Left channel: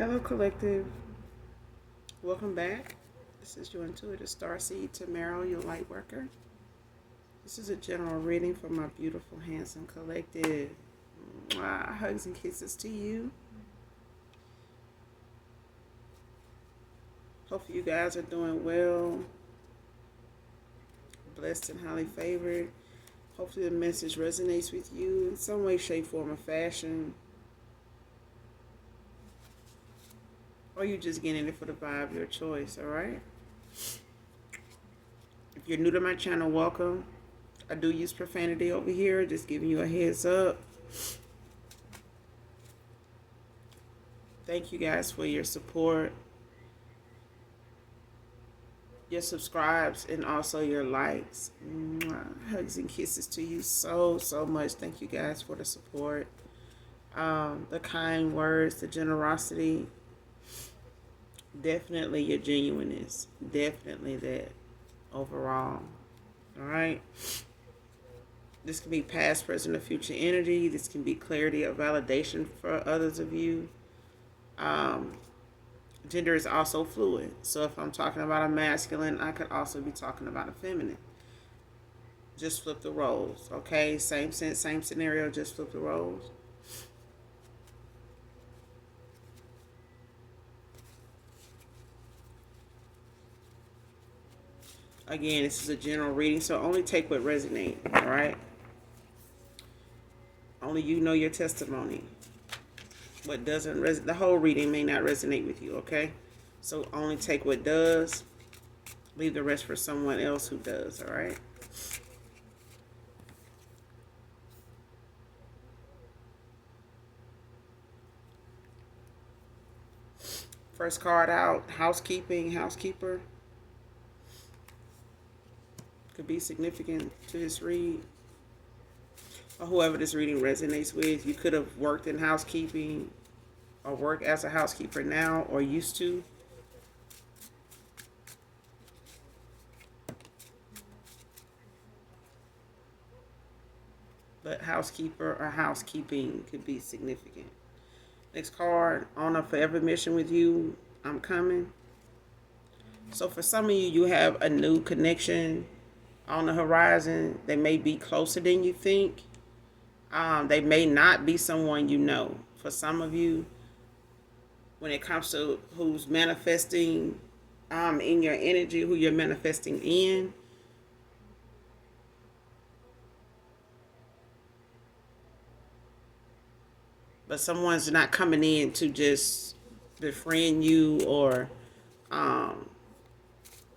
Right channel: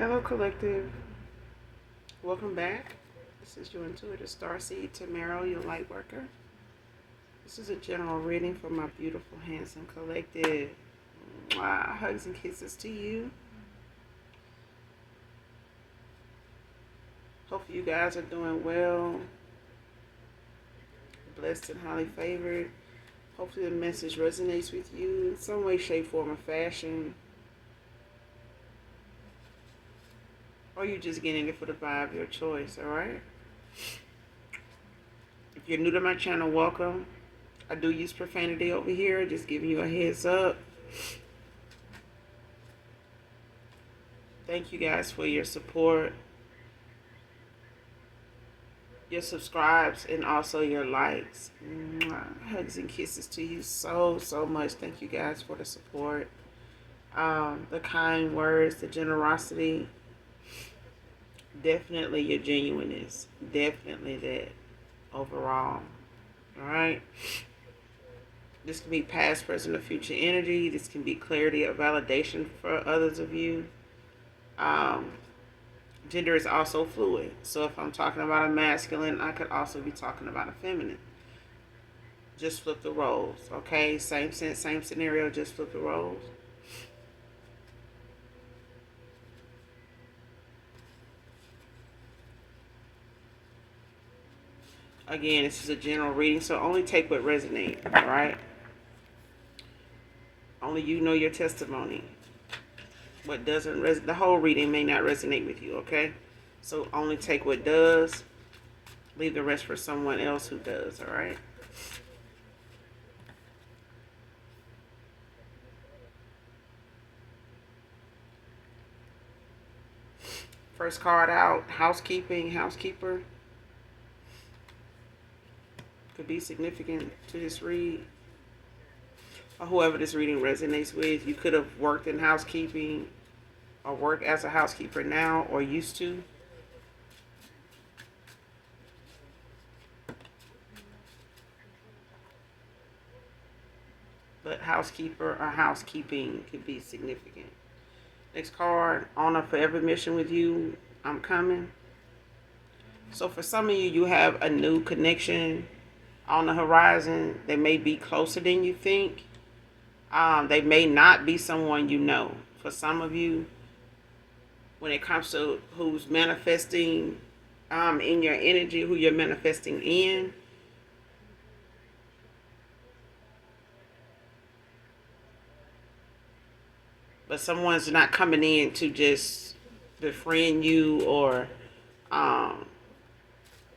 Hello, collective. Welcome back. This is your intuitive starseed, Tamara, your light worker. This is a general reading for my beautiful, handsome collective. Mwah. Hugs and kisses to you. Hopefully, you guys are doing well, blessed and highly favored. Hopefully, the message resonates with you in some way, shape, form, or fashion. Or you just getting it for the vibe of your choice, alright? If you're new to my channel, welcome. I do use profanity over here, just giving you a heads up. Thank you guys for your support, your subscribes, and also your likes. Hugs and kisses to you so much. Thank you guys for the support, the kind words, the generosity. Definitely your genuineness. Definitely that overall. All right. This can be past, present, or future energy. This can be clarity or validation for others of you. Gender is also fluid. So if I'm talking about a masculine, I could also be talking about a feminine. Just flip the roles, okay? Same sense, same scenario, just flip the roles. Again, this is a general reading, so only take what resonates, all right? Only you know your testimony. What doesn't resonate, the whole reading may not resonate with you, okay? So only take what does. Leave the rest for someone else who does, all right? First card out, housekeeping, housekeeper. Could be significant to this read. Or whoever this reading resonates with. You could have worked in housekeeping or work as a housekeeper now or used to. But housekeeper or housekeeping could be significant. Next card, honor for every mission with you. I'm coming. So for some of you, you have a new connection on the horizon. They may be closer than you think. They may not be someone you know. For some of you, when it comes to who's manifesting in your energy, who you're manifesting in, but someone's not coming in to just befriend you or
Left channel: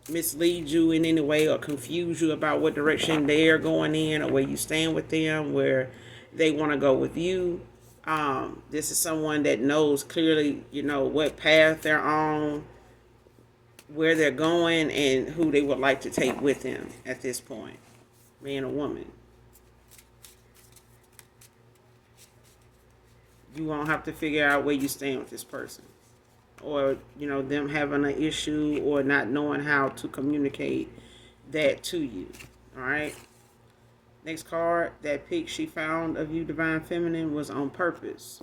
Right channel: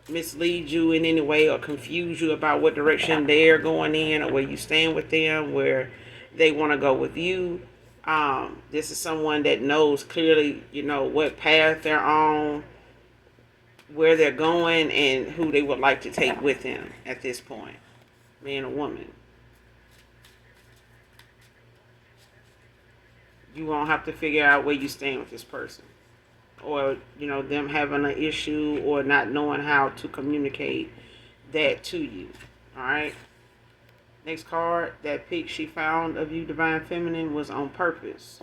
mislead you in any way or confuse you about what direction they're going in or where you stand with them, where they want to go with you. This is someone that knows clearly, what path they're on, where they're going, and who they would like to take with them at this point, man or woman. You won't have to figure out where you stand with this person, or them having an issue or not knowing how to communicate that to you. All right. Next card, that pic she found of you, Divine Feminine, was on purpose.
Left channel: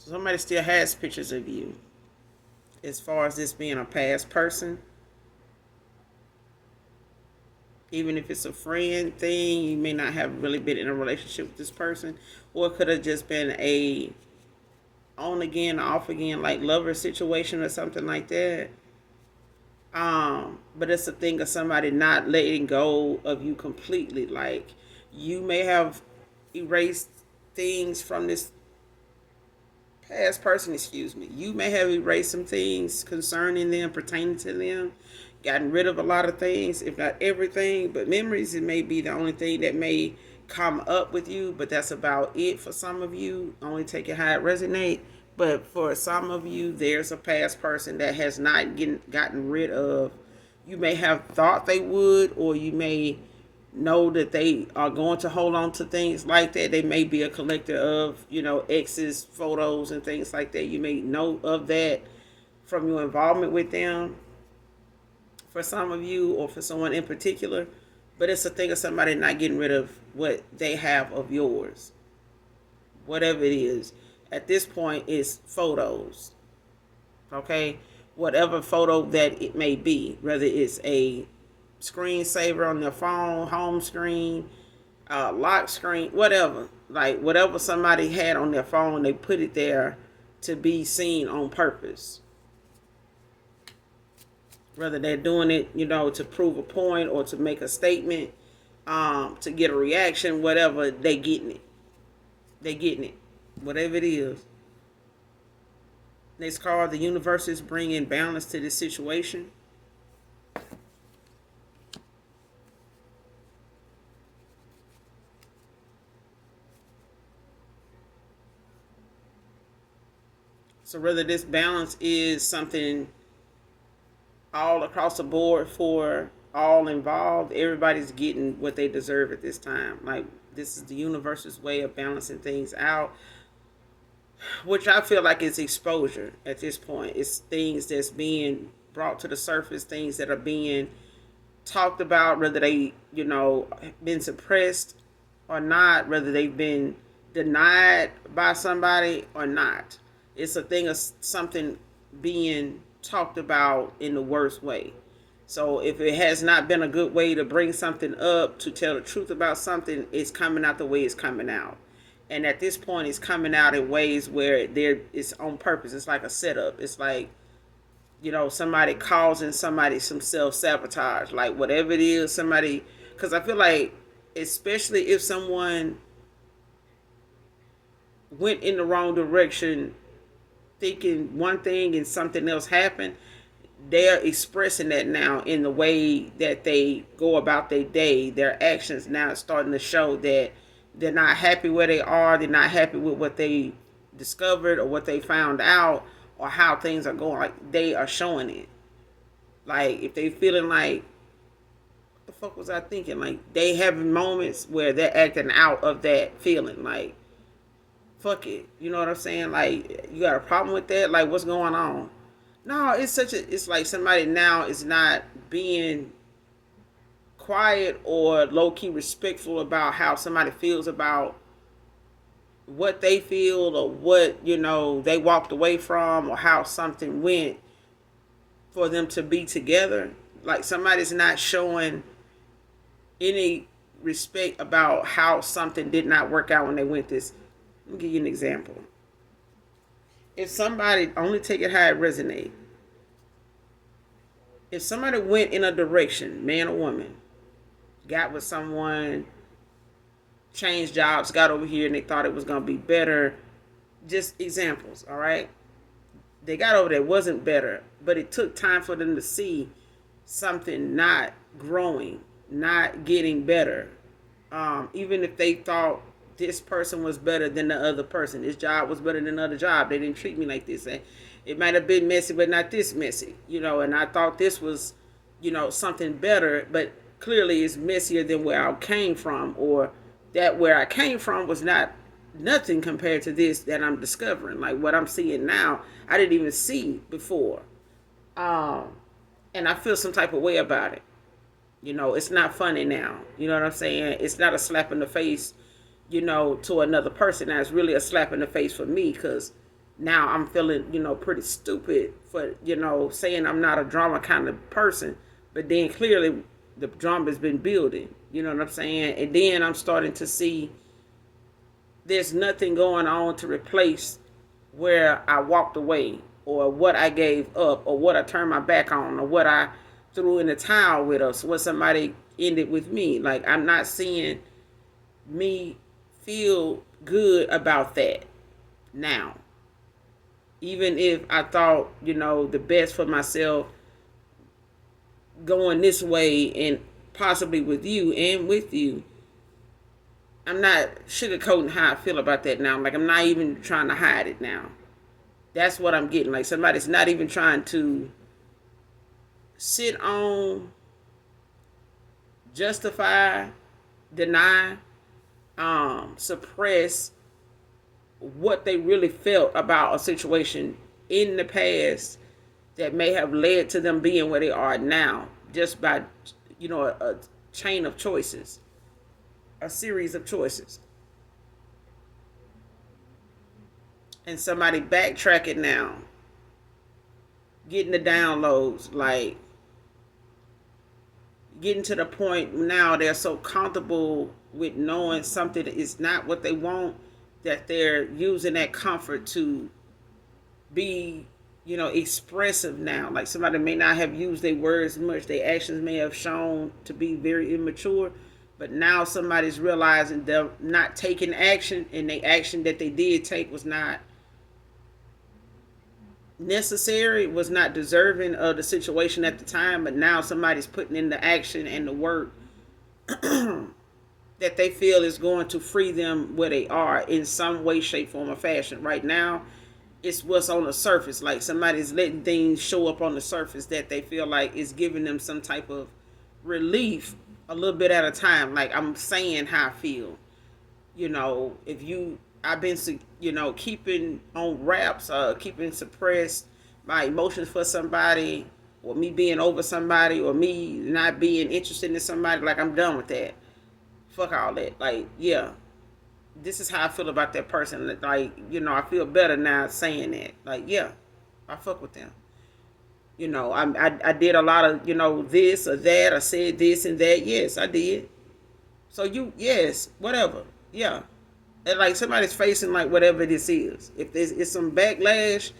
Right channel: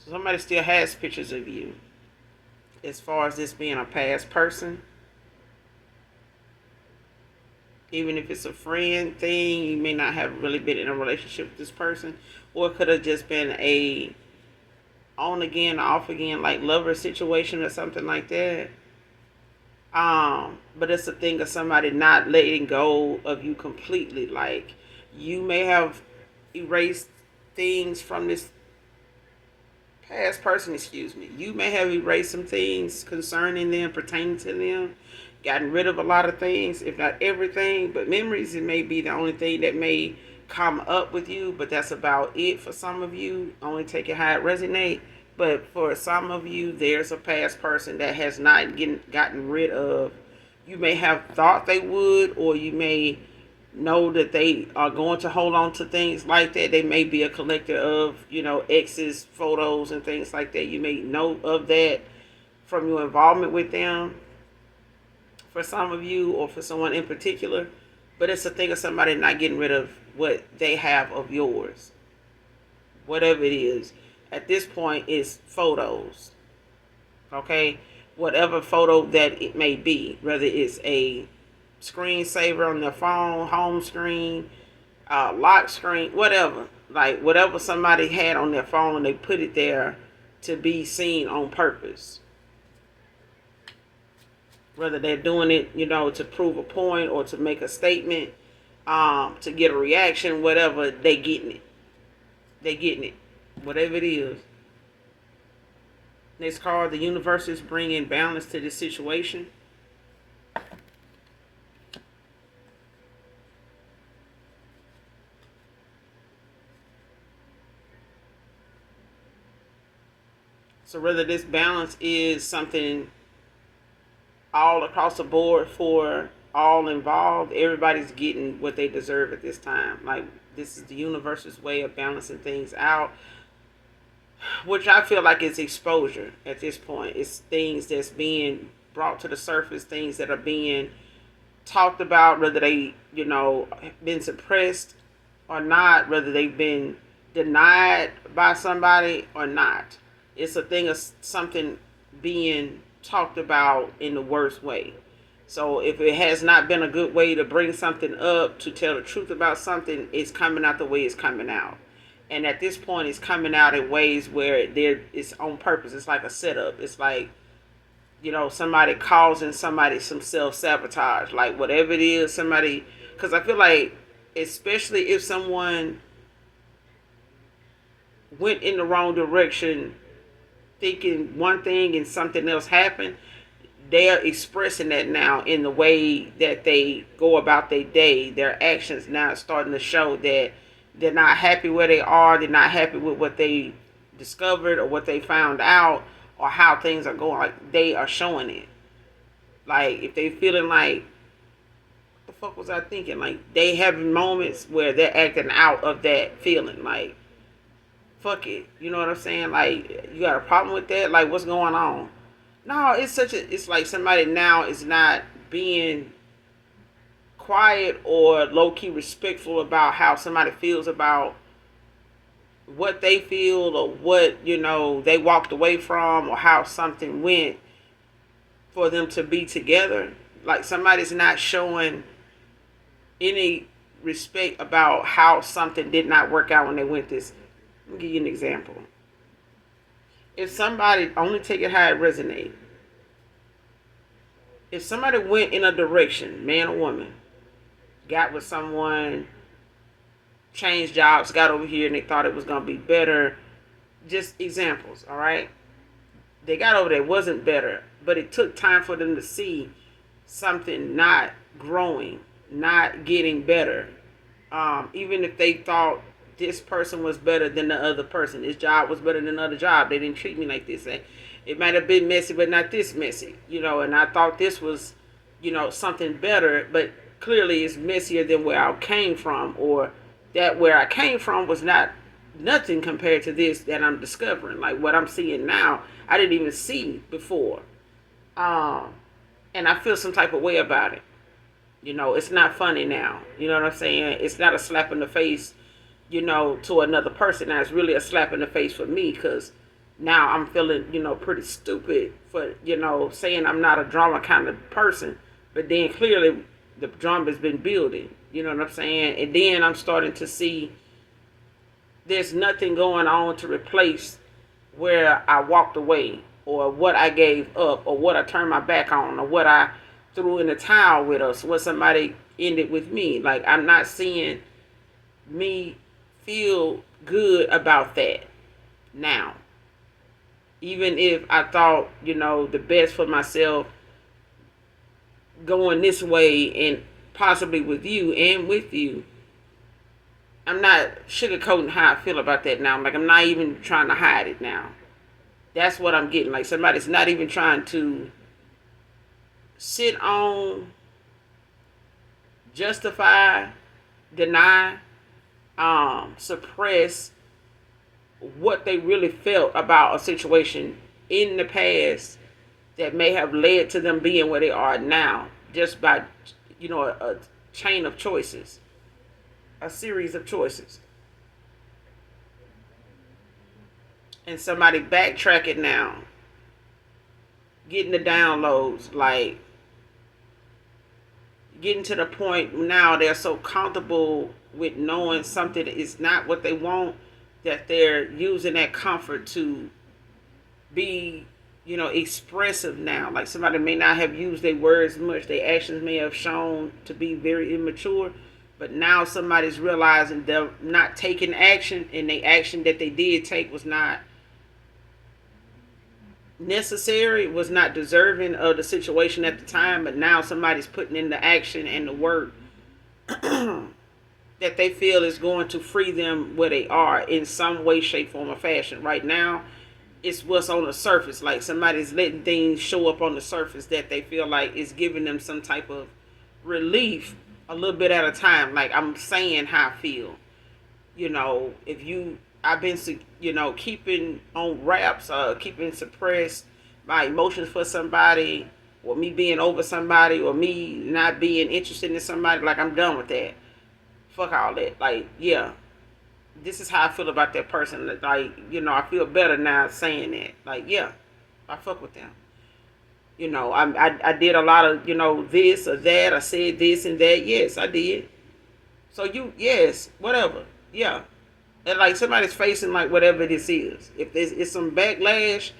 So somebody still has pictures of you. As far as this being a past person, even if it's a friend thing, you may not have really been in a relationship with this person, or it could have just been a on again, off again, like lover situation or something like that. But it's a thing of somebody not letting go of you completely. Like you may have erased things from this past person, excuse me. You may have erased some things concerning them, pertaining to them, gotten rid of a lot of things, if not everything, but memories, it may be the only thing that may come up with you, but that's about it for some of you. Only take it how it resonates. But for some of you, there's a past person that has not gotten rid of. You may have thought they would, or you may know that they are going to hold on to things like that. They may be a collector of, exes, photos, and things like that. You may know of that from your involvement with them. For some of you, or for someone in particular, But it's a thing of somebody not getting rid of what they have of yours, whatever it is. At this point, it's photos, okay? Whatever photo that it may be, whether it's a screensaver on their phone, home screen, lock screen, whatever. Like whatever somebody had on their phone, they put it there to be seen on purpose. Whether they're doing it, to prove a point or to make a statement, to get a reaction, whatever, they getting it. They getting it, whatever it is. Next card, the universe is bringing balance to this situation. So whether this balance is something all across the board for all involved, everybody's getting what they deserve at this time. Like, this is the universe's way of balancing things out, which I feel like is exposure at this point. It's things that's being brought to the surface, things that are being talked about, whether they, been suppressed or not, whether they've been denied by somebody or not. It's a thing of something being talked about in the worst way. So if it has not been a good way to bring something up, to tell the truth about something, it's coming out the way it's coming out. And at this point, it's coming out in ways where it's on purpose. It's like a setup. It's like, somebody causing somebody some self-sabotage. Like whatever it is, somebody... Because I feel like, especially if someone went in the wrong direction thinking one thing and something else happened, they're expressing that now in the way that they go about their day. Their actions now starting to show that they're not happy where they are. They're not happy with what they discovered or what they found out or how things are going. Like, they are showing it. Like, if they feeling like, the fuck was I thinking? Like, they having moments where they're acting out of that feeling. Like, fuck it. You know what I'm saying? Like, you got a problem with that? Like, what's going on? No, it's like somebody now is not being quiet or low-key respectful about how somebody feels about what they feel or what, they walked away from or how something went for them to be together. Like, somebody's not showing any respect about how something did not work out when they went this. Let me give you an example. If somebody, only take it how it resonates. If somebody went in a direction, man or woman, got with someone, changed jobs, got over here and they thought it was going to be better. Just examples, all right? They got over there, it wasn't better, but it took time for them to see something not growing, not getting better. Even if they thought this person was better than the other person, this job was better than the other job, they didn't treat me like this. It might have been messy, but not this messy, and I thought this was, something better, but clearly it's messier than where I came from, or that where I came from was nothing compared to this that I'm discovering. Like what I'm seeing now, I didn't even see before. And I feel some type of way about it. It's not funny now. You know what I'm saying? It's not a slap in the face, to another person. Now it's really a slap in the face for me, because now I'm feeling, pretty stupid for, saying I'm not a drama kind of person. But then clearly the drama's been building. You know what I'm saying? And then I'm starting to see there's nothing going on to replace where I walked away, or what I gave up, or what I turned my back on, or what I threw in the towel with, us, what somebody ended with me. Like, I'm not seeing me feel good about that now. Even if I thought, the best for myself going this way, and possibly with you and with you, I'm not sugarcoating how I feel about that now. Like, I'm not even trying to hide it now. That's what I'm getting. Like, somebody's not even trying to sit on, justify, deny, suppress what they really felt about a situation in the past that may have led to them being where they are now, just by, chain of choices, a series of choices. And somebody backtrack it now, getting the downloads, like getting to the point now they're so comfortable with knowing something is not what they want that they're using that comfort to be, expressive now. Like somebody may not have used their words much, their actions may have shown to be very immature, but now somebody's realizing they're not taking action, and the action that they did take was not necessary, was not deserving of the situation at the time. But now somebody's putting in the action and the work that they feel is going to free them where they are in some way, shape, form, or fashion. Right now, it's what's on the surface. Like somebody's letting things show up on the surface that they feel like is giving them some type of relief a little bit at a time. Like I'm saying how I feel. If I've been, keeping on wraps, keeping suppressed my emotions for somebody, or me being over somebody, or me not being interested in somebody. Like I'm done with that. Fuck all that. Like, yeah, this is how I feel about that person. Like, I feel better now saying that. Like, yeah, I fuck with them. I did a lot of, this or that. I said this and that. Yes, I did. So yes, whatever. Yeah. And like somebody's facing like whatever this is. If it's some backlash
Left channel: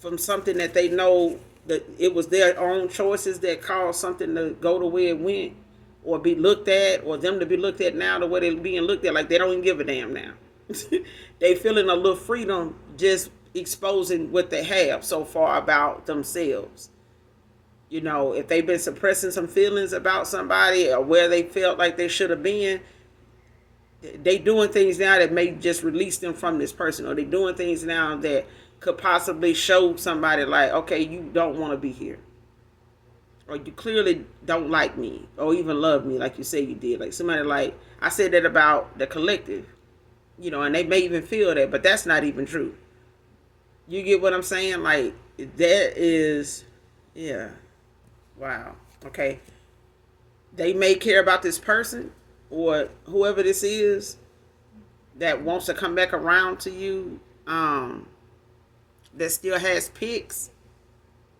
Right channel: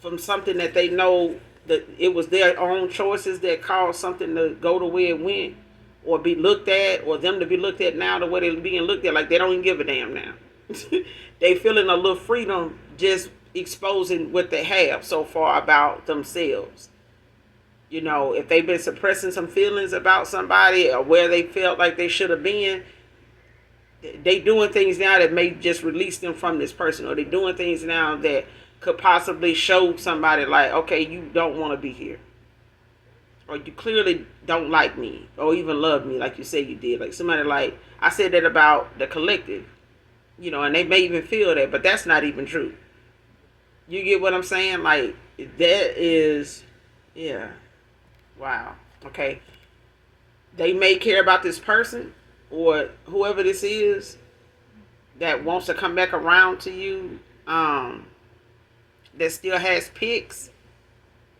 from something that they know that it was their own choices that caused something to go the way it went, or be looked at, or them to be looked at now the way they're being looked at, like they don't even give a damn now. They feeling a little freedom just exposing what they have so far about themselves. If they've been suppressing some feelings about somebody or where they felt like they should have been, they doing things now that may just release them from this person, or they doing things now that could possibly show somebody like, okay, you don't want to be here, or you clearly don't like me, or even love me like you say you did. Like somebody, like I said that about the collective, and they may even feel that, but that's not even true. You get what I'm saying? Like that is, yeah, wow, okay. They may care about this person or whoever this is that wants to come back around to you, that still has pics,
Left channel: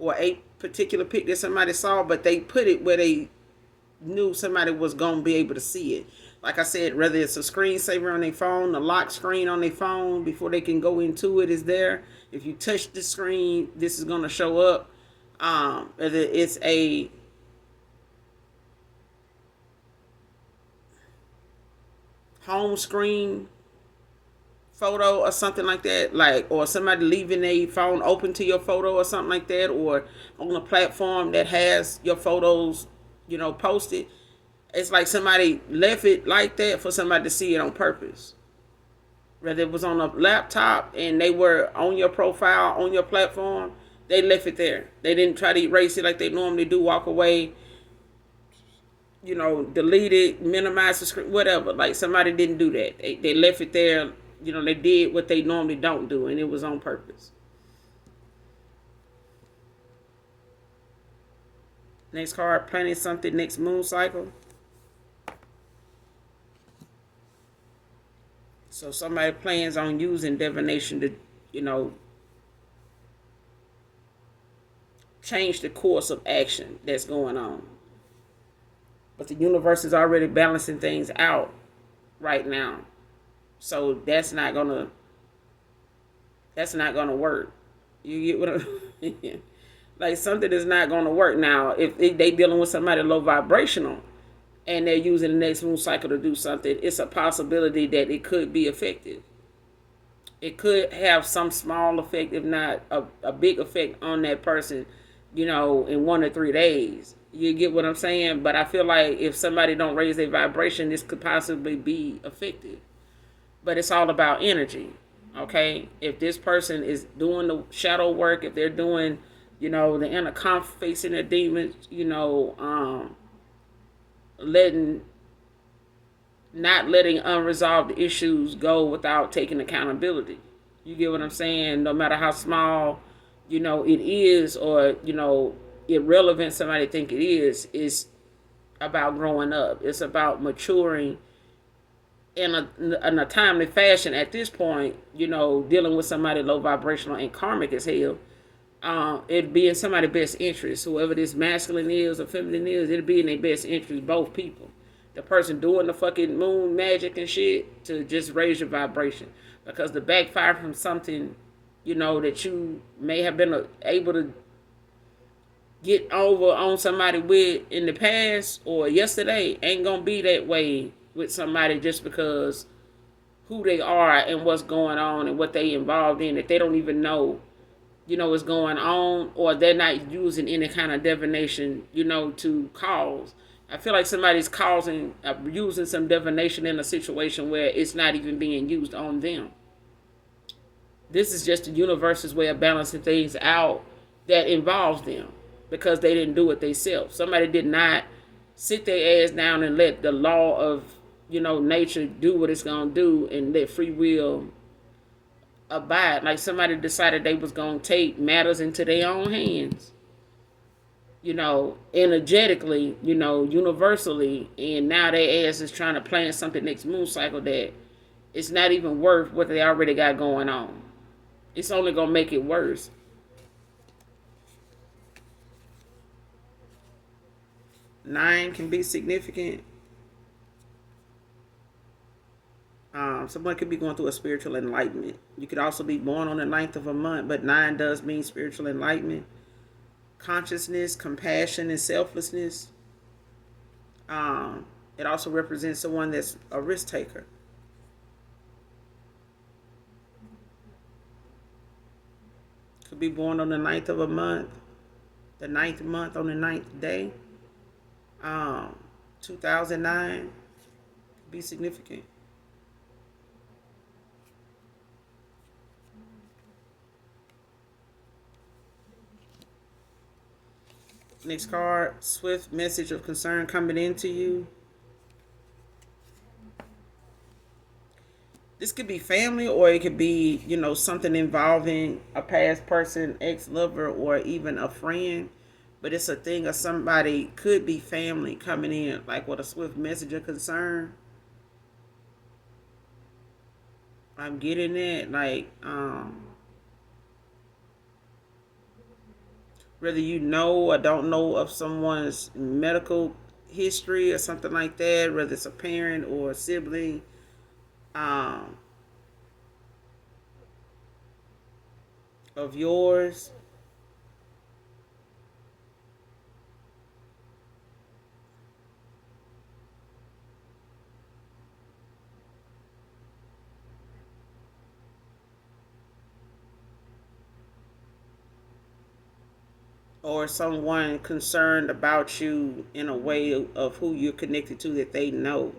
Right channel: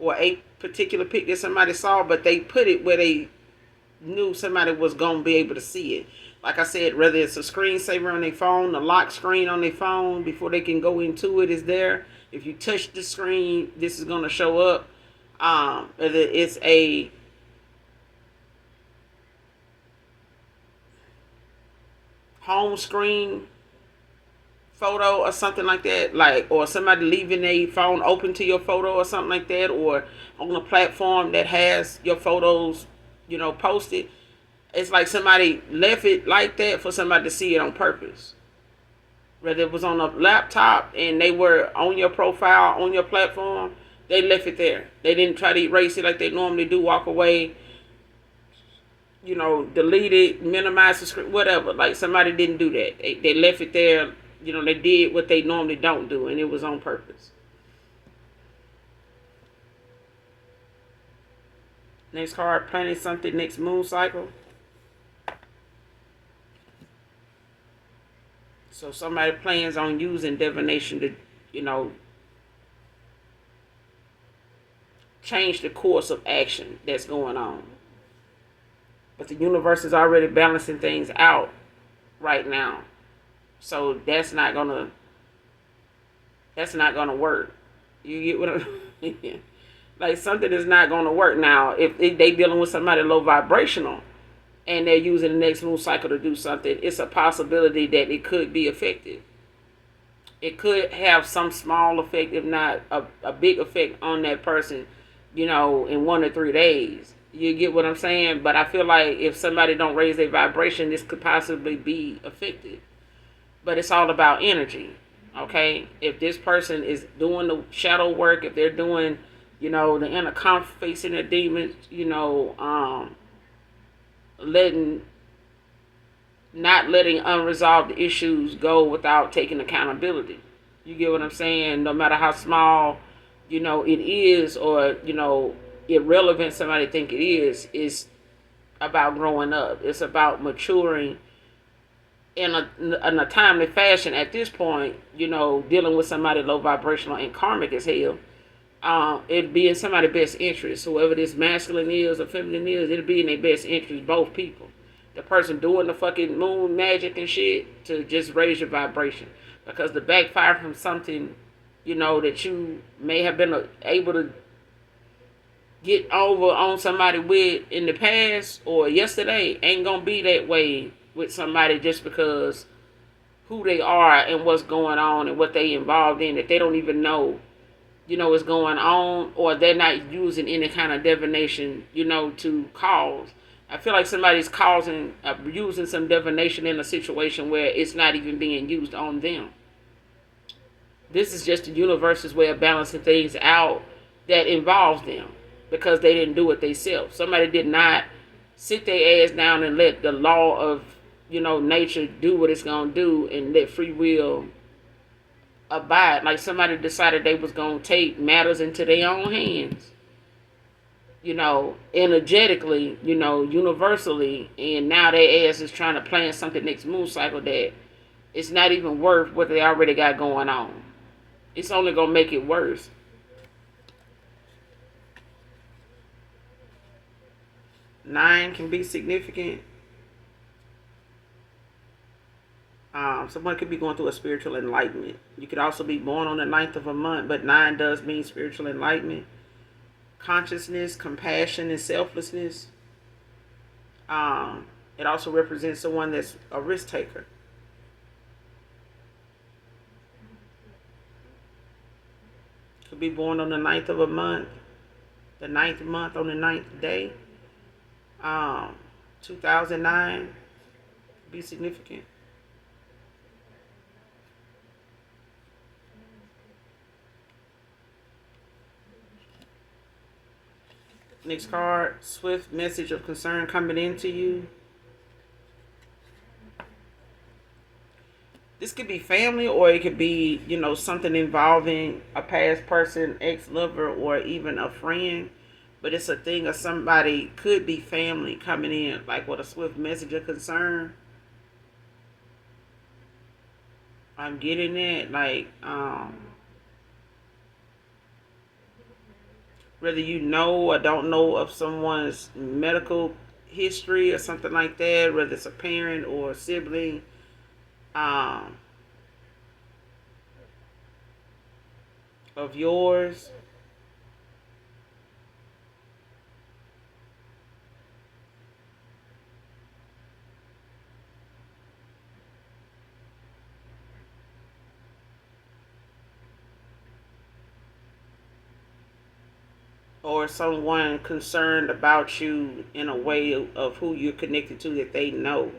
or a particular pic that somebody saw, but they put it where they knew somebody was going to be able to see it. Like I said, whether it's a screensaver on their phone, the lock screen on their phone before they can go into it is there. If you touch the screen, this is going to show up. Whether it's a home screen photo or something like that, like, or somebody leaving a phone open to your photo or something like that, or on a platform that has your photos, posted. It's like somebody left it like that for somebody to see it on purpose. Whether it was on a laptop and they were on your profile, on your platform, they left it there. They didn't try to erase it like they normally do, walk away, delete it, minimize the screen, whatever. Like somebody didn't do that. They left it there. They did what they normally don't do, and it was on purpose. Next card, planning something next moon cycle. So somebody plans on using divination to, change the course of action that's going on. But the universe is already balancing things out right now. So that's not gonna work. You get what I'm like, something is not gonna work now. If they dealing with somebody low vibrational and they're using the next moon cycle to do something, it's a possibility that it could be effective. It could have some small effect, if not a big effect on that person, in 1 or 3 days. You get what I'm saying? But I feel like if somebody don't raise their vibration, this could possibly be effective. But it's all about energy, okay? If this person is doing the shadow work, if they're doing, the inner conflict, facing their demons, not letting unresolved issues go without taking accountability. You get what I'm saying? No matter how small, it is, or, irrelevant somebody think it is about growing up. It's about maturing in a timely fashion at this point, dealing with somebody low vibrational and karmic as hell. It'd be in somebody's best interest. Whoever this masculine is or feminine is, it'll be in their best interest, both people. The person doing the fucking moon magic and shit to just raise your vibration. Because the backfire from something, that you may have been able to get over on somebody with in the past or yesterday ain't gonna be that way with somebody just because who they are and what's going on and what they involved in that they don't even know is going on, or they're not using any kind of divination to cause. I feel like somebody's causing using some divination in a situation where it's not even being used on them. This is just the universe's way of balancing things out that involves them because they didn't do it themselves. Somebody did not sit their ass down and let the law of nature do what it's gonna do and let free will abide. Like somebody decided they was gonna take matters into their own hands, energetically, universally, and now their ass is trying to plan something next moon cycle that it's not even worth what they already got going on. It's only gonna make it worse. Nine can be significant. Someone could be going through a spiritual enlightenment. You could also be born on the ninth of a month, but nine does mean spiritual enlightenment, consciousness, compassion, and selflessness. It also represents someone that's a risk taker. Could be born on the ninth of a month, the ninth month on the ninth day. 2009, be significant. Next card, swift message of concern coming into you. This could be family or it could be, something involving a past person, ex-lover, or even a friend. But it's a thing of somebody, could be family coming in, like with a swift message of concern. I'm getting it, like, whether you know or don't know of someone's medical history or something like that, whether it's a parent or a sibling, of yours. Or someone concerned about you in a way of who you're connected to that they know.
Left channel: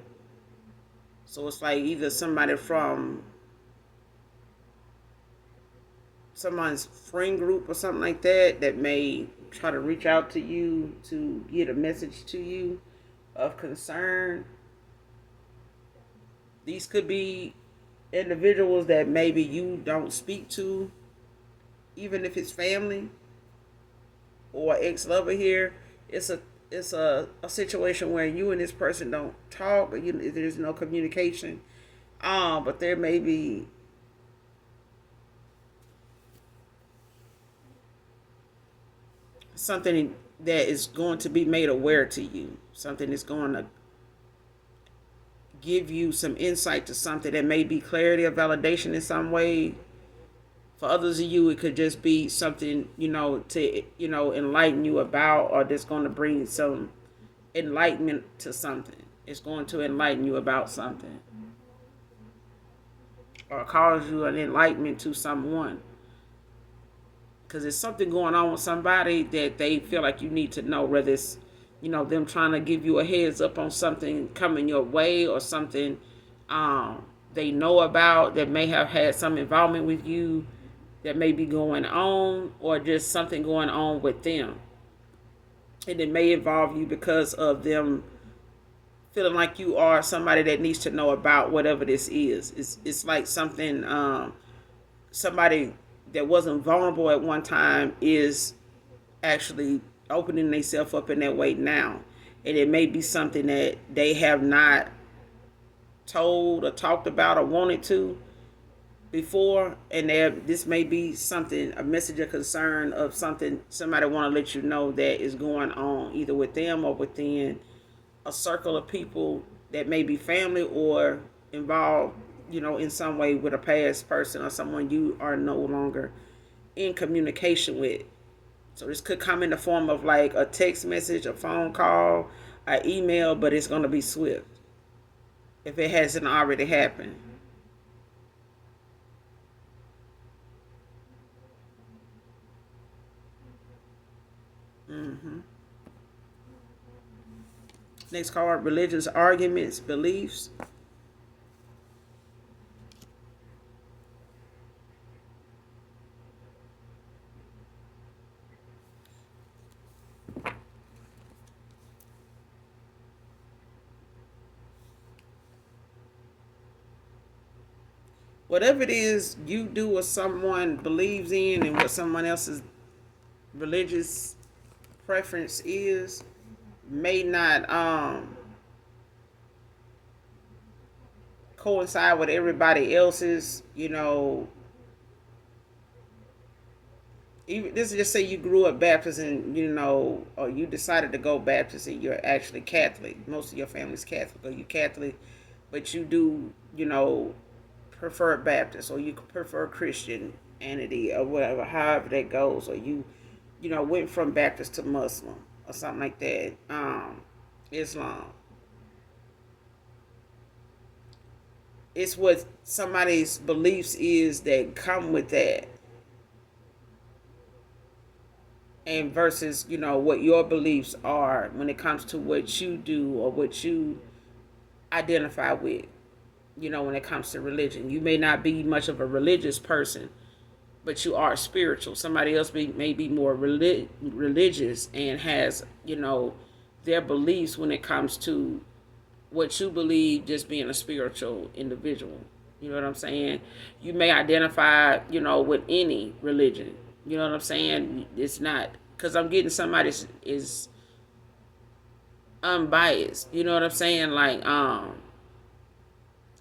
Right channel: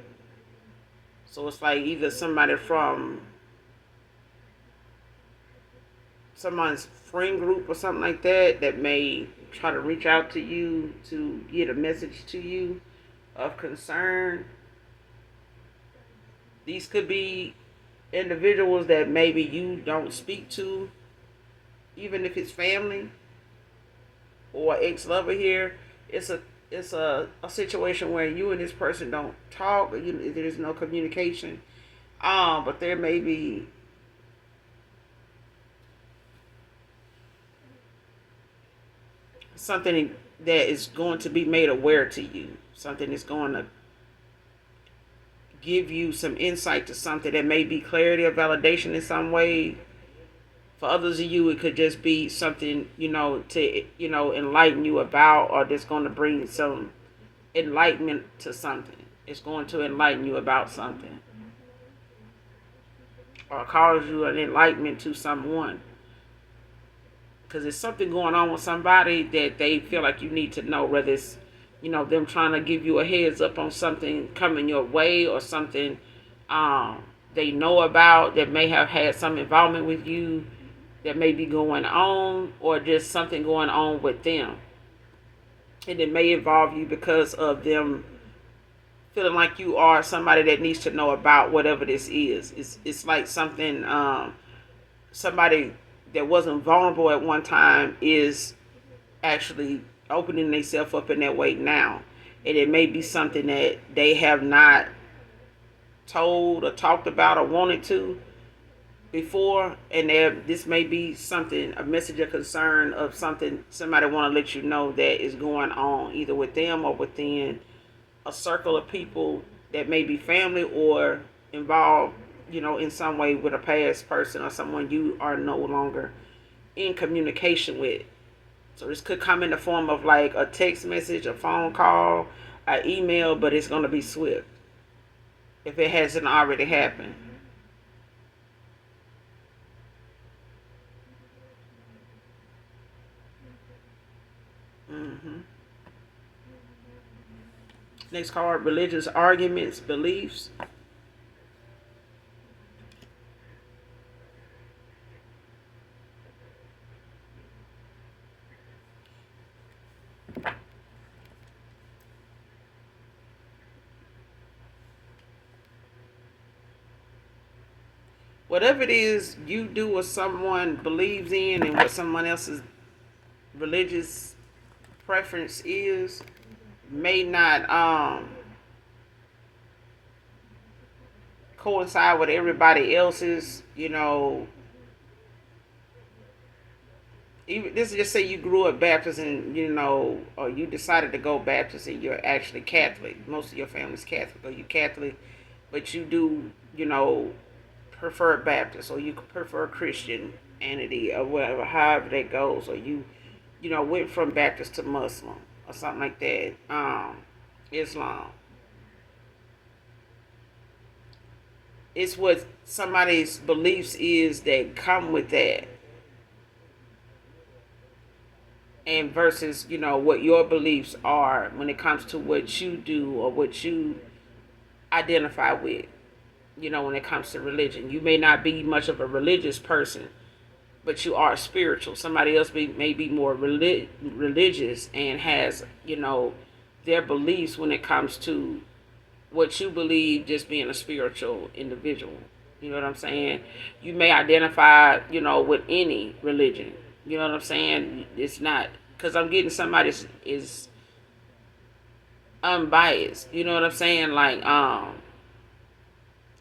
So it's like either somebody from someone's friend group or something like that that may try to reach out to you to get a message to you of concern. These could be individuals that maybe you don't speak to, even if it's family or ex-lover here. It's a situation where you and this person don't talk, but there's no communication. But there may be something that is going to be made aware to you. Something that's going to give you some insight to something that may be clarity or validation in some way. For others of you, it could just be something, to, enlighten you about, or that's going to bring some enlightenment to something. It's going to enlighten you about something. Or cause you an enlightenment to someone. Because there's something going on with somebody that they feel like you need to know, whether it's, them trying to give you a heads up on something coming your way, or something they know about that may have had some involvement with you that may be going on, or just something going on with them. And it may involve you because of them feeling like you are somebody that needs to know about whatever this is. It's like something, somebody that wasn't vulnerable at one time is actually opening themselves up in that way now. and it may be something that they have not told or talked about or wanted to before, and this may be something, a message of concern of something somebody want to let you know that is going on either with them or within a circle of people that may be family or involved, in some way with a past person or someone you are no longer in communication with. So this could come in the form of like a text message, a phone call, an email, but it's going to be swift if it hasn't already happened. hmm Next card, religious arguments, beliefs. Whatever it is you do or someone believes in and what someone else's religious preference is may not coincide with everybody else's, even this is just say you grew up Baptist and or you decided to go Baptist and you're actually Catholic. Most of your family's Catholic or you Catholic, but you do, prefer Baptist or you prefer Christianity or whatever, however that goes, or you went from Baptist to Muslim or something like that. Islam. It's what somebody's beliefs is that come with that, and versus what your beliefs are when it comes to what you do or what you identify with. When it comes to religion, you may not be much of a religious person, but you are spiritual. Somebody else may be more religious and has their beliefs when it comes to what you believe, just being a spiritual individual. You know what I'm saying? You may identify, with any religion. You know what I'm saying? It's not because I'm getting somebody is unbiased. You know what I'm saying? Like,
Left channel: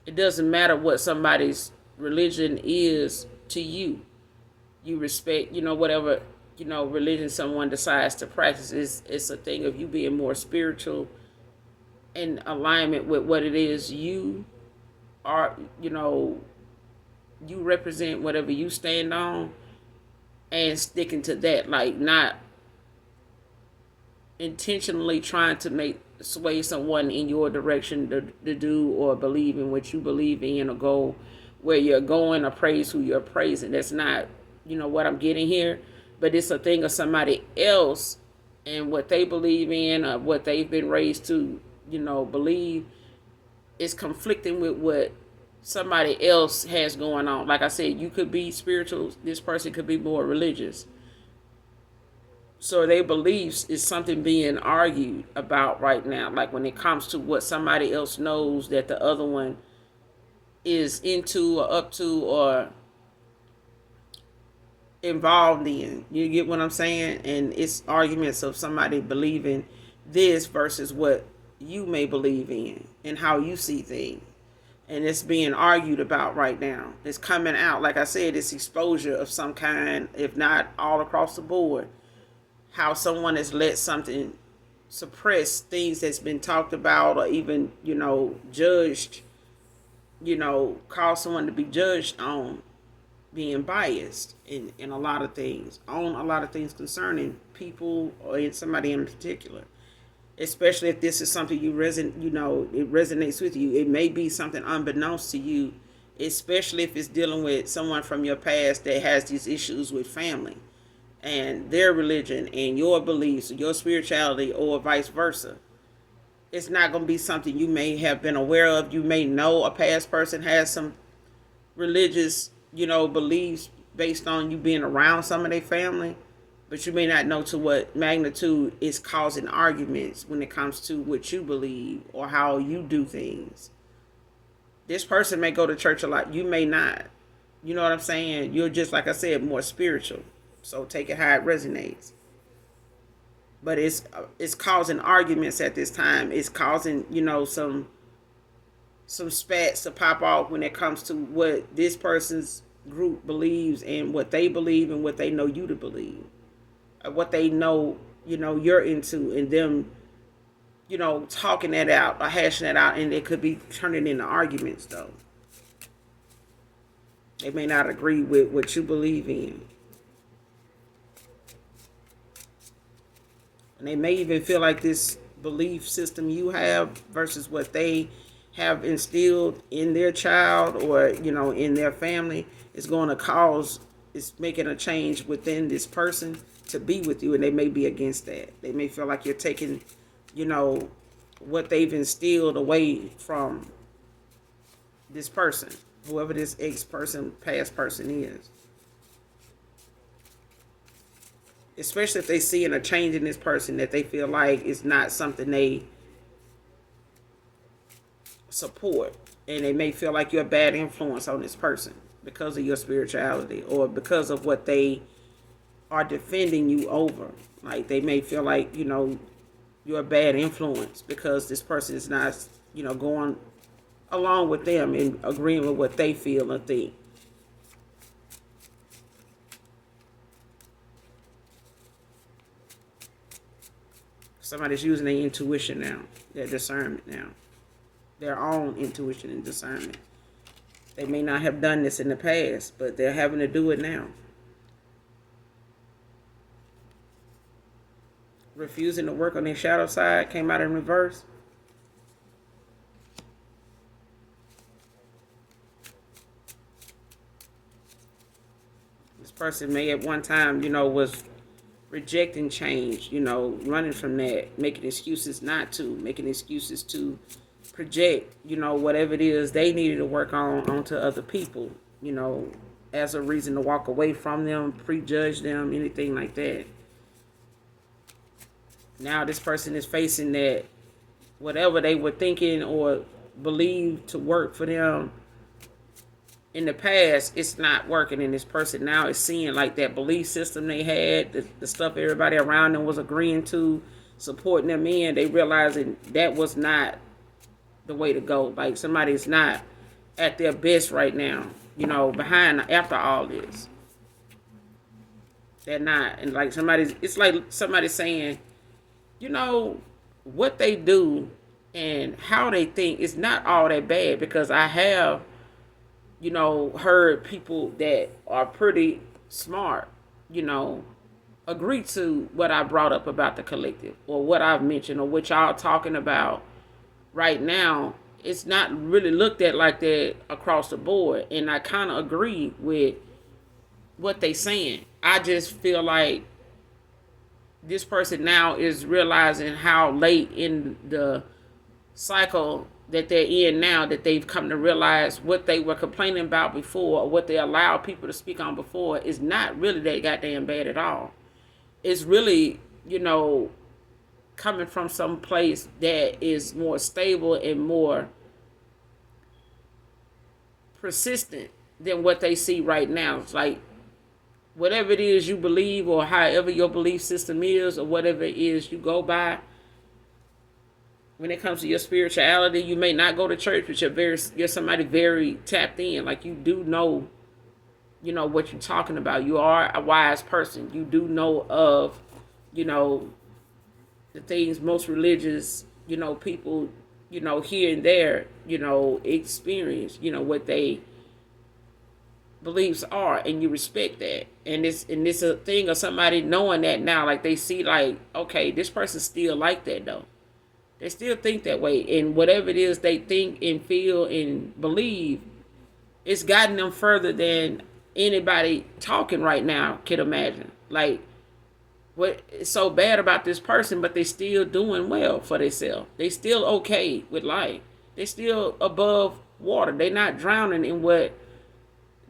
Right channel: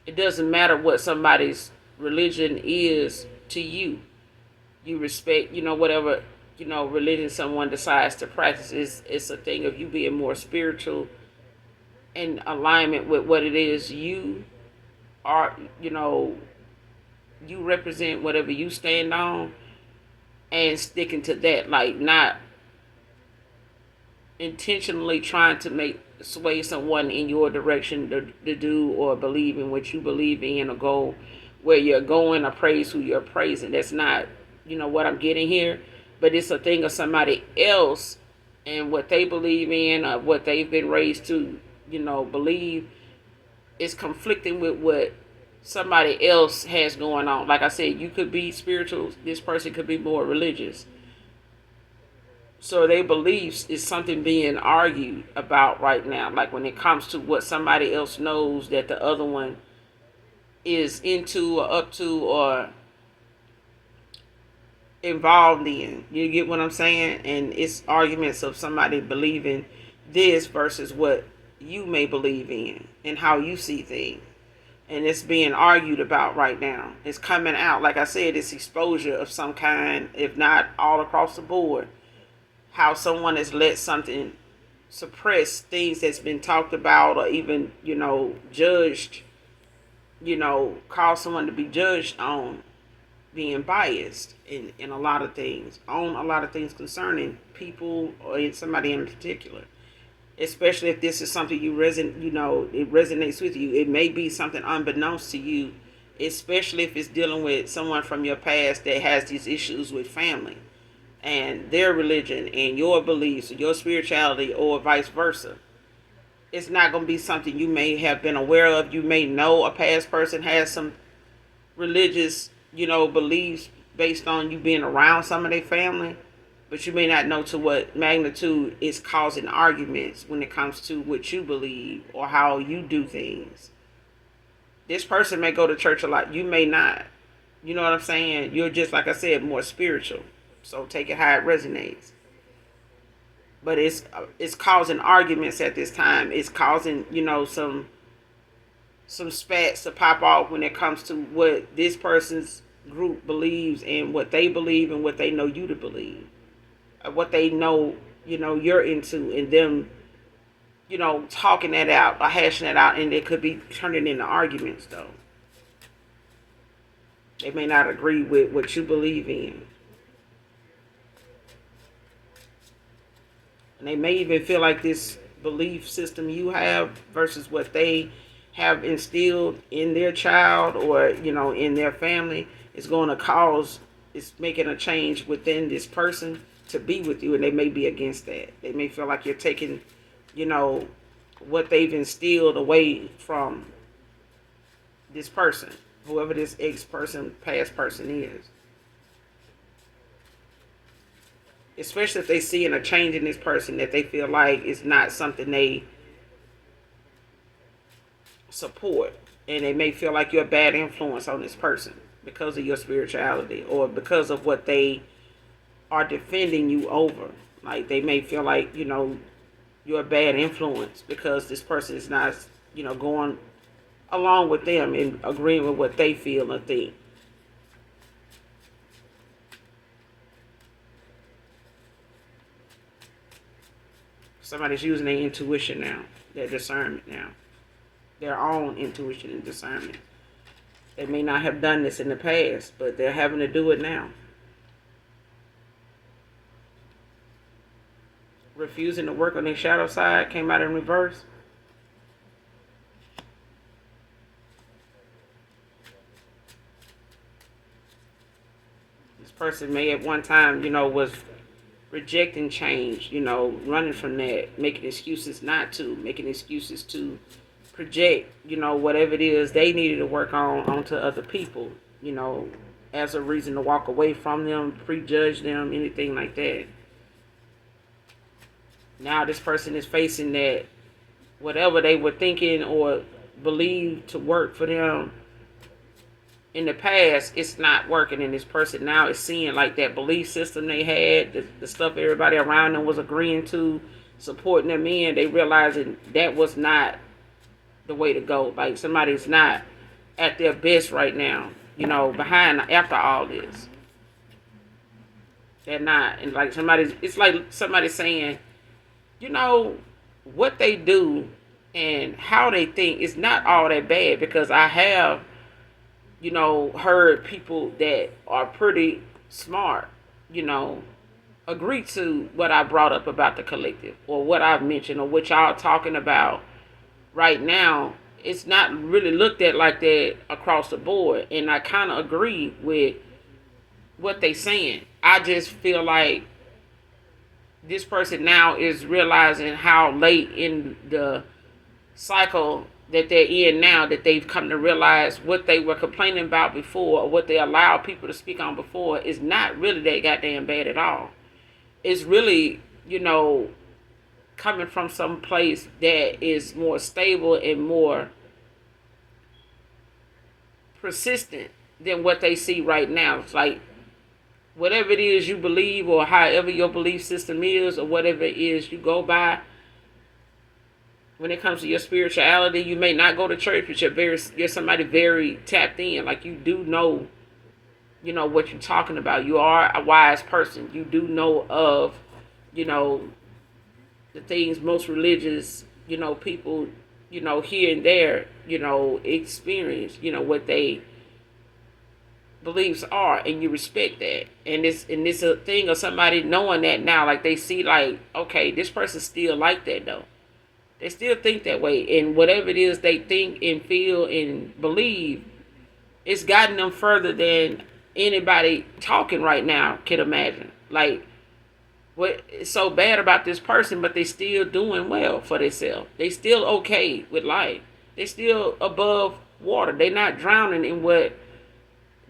it doesn't matter what somebody's religion is to you. You respect, whatever, religion someone decides to practice. It's a thing of you being more spiritual in alignment with what it is you are, you represent whatever you stand on and sticking to that, like not intentionally trying to make sway someone in your direction to do or believe in what you believe in or go where you're going or praise who you're praising. That's not, what I'm getting here. But it's a thing of somebody else and what they believe in or what they've been raised to, believe is conflicting with what somebody else has going on. Like I said, you could be spiritual, this person could be more religious. So their beliefs is something being argued about right now. Like when it comes to what somebody else knows that the other one is into or up to or involved in. You get what I'm saying? And it's arguments of somebody believing this versus what you may believe in and how you see things. And it's being argued about right now. It's coming out. Like I said, it's exposure of some kind, if not all across the board. How someone has let something suppress things that's been talked about or even, judged, cause someone to be judged on being biased in a lot of things, on a lot of things concerning people or in somebody in particular. Especially if this is something it resonates with you. It may be something unbeknownst to you, especially if it's dealing with someone from your past that has these issues with family and their religion and your beliefs, your spirituality, or vice versa. It's not going to be something you may have been aware of. You may know a past person has some religious, beliefs based on you being around some of their family, but you may not know to what magnitude it's causing arguments when it comes to what you believe or how you do things. This person may go to church a lot. You may not. You know what I'm saying? You're just, like I said, more spiritual. So take it how it resonates. but it's causing arguments at this time. It's causing, some spats to pop off when it comes to what this person's group believes and what they believe and what they know you to believe, what they know, you're into, and them, talking that out or hashing that out, and it could be turning into arguments though. They may not agree with what you believe in. And they may even feel like this belief system you have versus what they have instilled in their child or, in their family is going to cause, it's making a change within this person to be with you. And they may be against that. They may feel like you're taking, what they've instilled away from this person, whoever this ex person, past person is. Especially if they see in a change in this person that they feel like it's not something they support, and they may feel like you're a bad influence on this person because of your spirituality or because of what they are defending you over. Like they may feel like, you're a bad influence because this person is not, going along with them and agreeing with what they feel and think. Somebody's using their intuition now, their discernment now, their own intuition and discernment. They may not have done this in the past, but they're having to do it now. Refusing to work on their shadow side came out in reverse. This person may at one time, was rejecting change, running from that, making excuses not to, making excuses to project, whatever it is they needed to work on onto other people, as a reason to walk away from them, prejudge them, anything like that. Now this person is facing that whatever they were thinking or believed to work for them in the past, it's not working, and this person now is seeing like that belief system they had, the stuff everybody around them was agreeing to, supporting them in, they realizing that was not the way to go. Like somebody's not at their best right now, behind after all this. They're not. And like it's like somebody saying, what they do and how they think is not all that bad, because I have heard people that are pretty smart, agree to what I brought up about the collective or what I've mentioned or what y'all are talking about right now. It's not really looked at like that across the board. And I kind of agree with what they saying. I just feel like this person now is realizing how late in the cycle that they're in now, that they've come to realize what they were complaining about before or what they allowed people to speak on before is not really that goddamn bad at all. It's really, coming from some place that is more stable and more persistent than what they see right now. It's like whatever it is you believe or however your belief system is or whatever it is you go by, when it comes to your spirituality, you may not go to church, but you're somebody very tapped in. Like you do know, what you're talking about. You are a wise person. You do know of, the things most religious, people, here and there, experience, what they beliefs are, and you respect that. And it's a thing of somebody knowing that now, like they see like, okay, this person's still like that though. They still think that way, and whatever it is they think and feel and believe, it's gotten them further than anybody talking right now can imagine. Like, what is so bad about this person, but they still doing well for themselves. They still okay with life. They still above water. They not drowning in what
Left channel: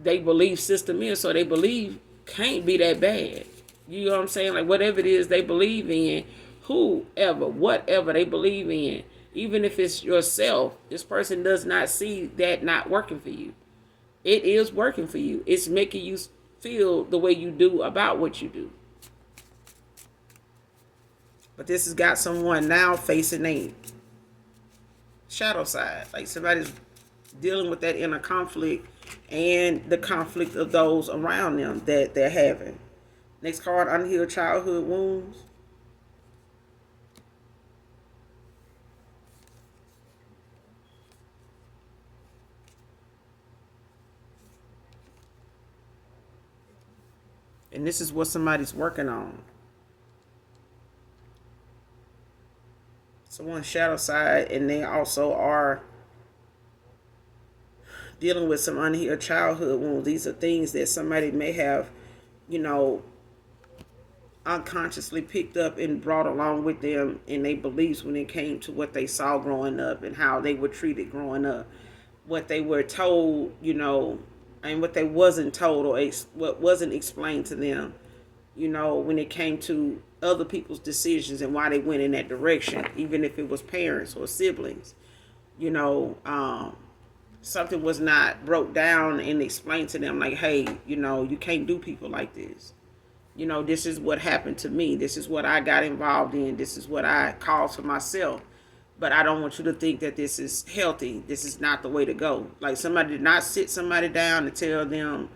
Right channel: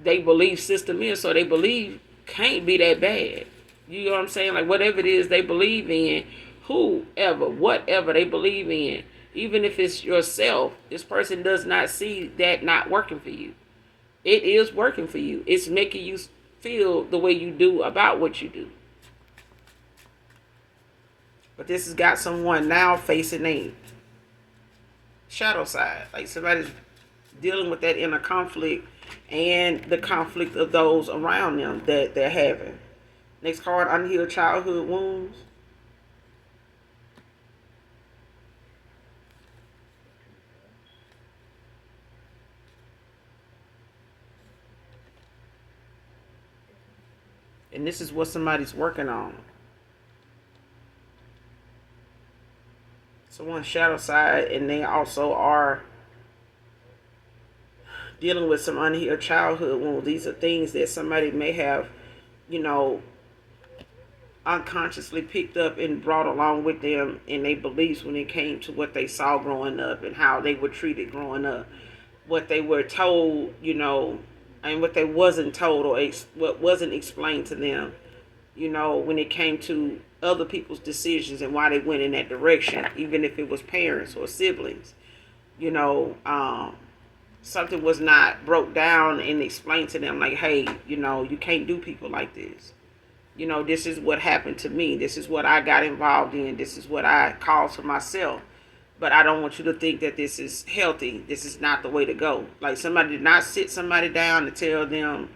they belief system is, so they believe can't be that bad. You know what I'm saying? Like, whatever it is they believe in, whoever, whatever they believe in, even if it's yourself, this person does not see that not working for you. It is working for you. It's making you feel the way you do about what you do. But this has got someone now facing a shadow side. Like somebody's dealing with that inner conflict and the conflict of those around them that they're having. Next card, unhealed childhood wounds. And this is what somebody's working on. Someone's shadow side, and they also are dealing with some unhealed childhood wounds. These are things that somebody may have, you know, unconsciously picked up and brought along with them in their beliefs when it came to what they saw growing up and how they were treated growing up, what they were told, and what they wasn't told or what wasn't explained to them, when it came to other people's decisions and why they went in that direction, even if it was parents or siblings, you know, something was not broke down and explained to them like, hey, you can't do people like this. This is what happened to me. This is what I got involved in. This is what I caused for myself. But I don't want you to think that this is healthy. This is not the way to go. Like somebody did not sit somebody down to tell them,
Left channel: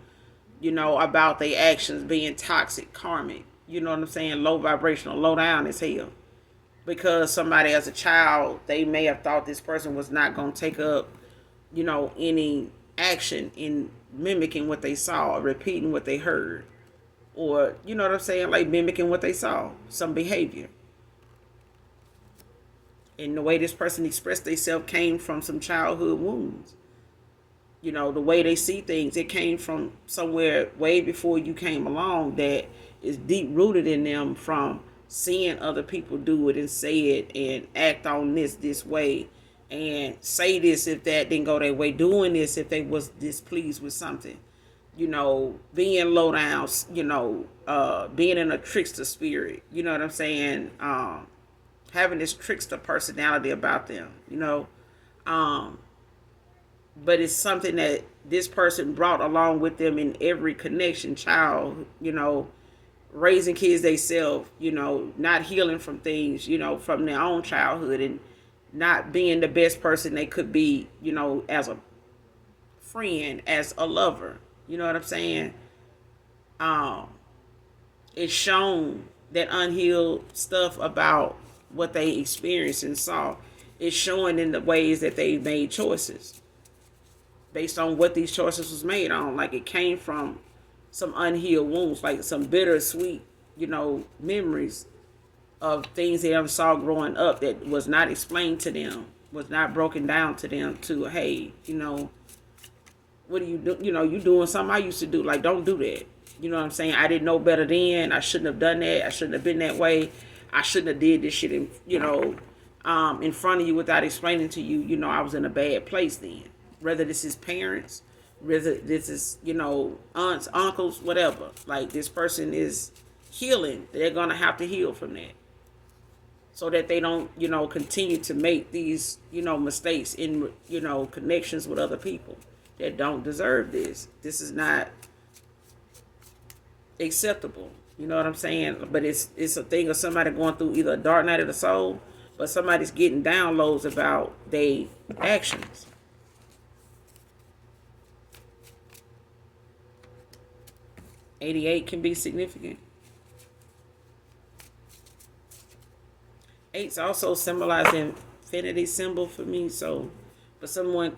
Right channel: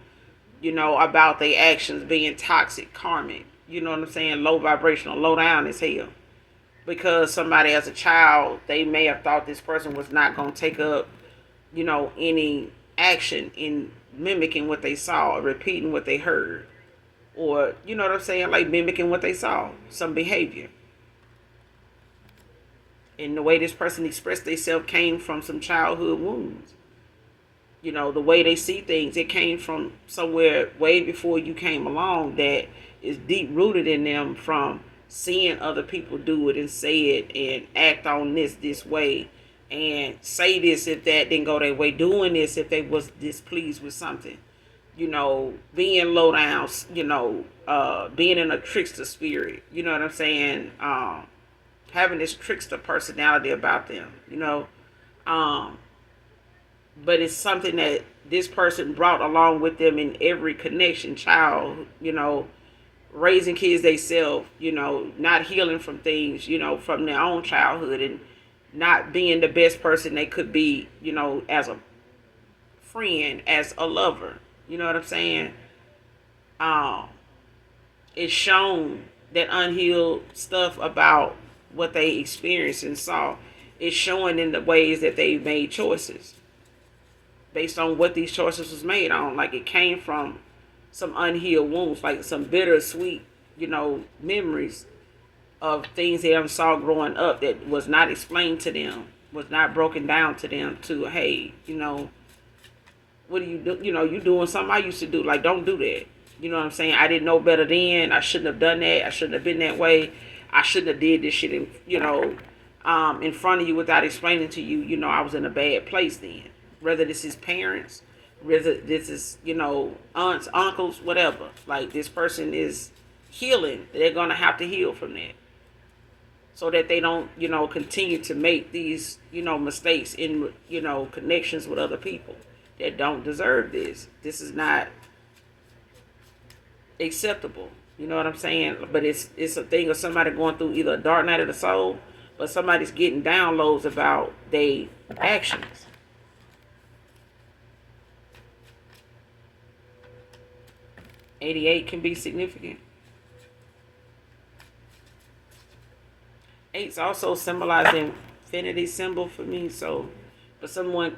about their actions being toxic, karmic. You know what I'm saying? Low vibrational, low down as hell. Because somebody as a child, they may have thought this person was not going to take up, any action in mimicking what they saw or repeating what they heard. Or, you know what I'm saying? Like mimicking what they saw, some behavior. And the way this person expressed themselves came from some childhood wounds. The way they see things, it came from somewhere way before you came along that is deep rooted in them from seeing other people do it and say it and act on this way and say this if that didn't go their way, doing this if they was displeased with something. Being low down, being in a trickster spirit, you know what I'm saying? Having this trickster personality about them, but it's something that this person brought along with them in every connection, child, raising kids themselves, not healing from things, from their own childhood and not being the best person they could be, as a friend, as a lover. You know what I'm saying? It's shown that unhealed stuff about what they experienced and saw is showing in the ways that they made choices based on what these choices was made on. Like it came from some unhealed wounds, like some bittersweet, memories of things they ever saw growing up that was not explained to them, was not broken down to them to, hey, what do you do? You doing something I used to do. Like, don't do that. You know what I'm saying? I didn't know better then. I shouldn't have done that. I shouldn't have been that way. I shouldn't have did this shit in front of you without explaining to you, I was in a bad place then. Whether this is parents, whether this is, aunts, uncles, whatever. Like, this person is healing. They're going to have to heal from that. So that they don't, continue to make these, mistakes in, connections with other people that don't deserve this. This is not acceptable. You know what I'm saying? But it's a thing of somebody going through either a dark night of the soul or somebody's getting downloads about their actions. $88 can be significant. Eight's also symbolizing infinity symbol for me. So, for someone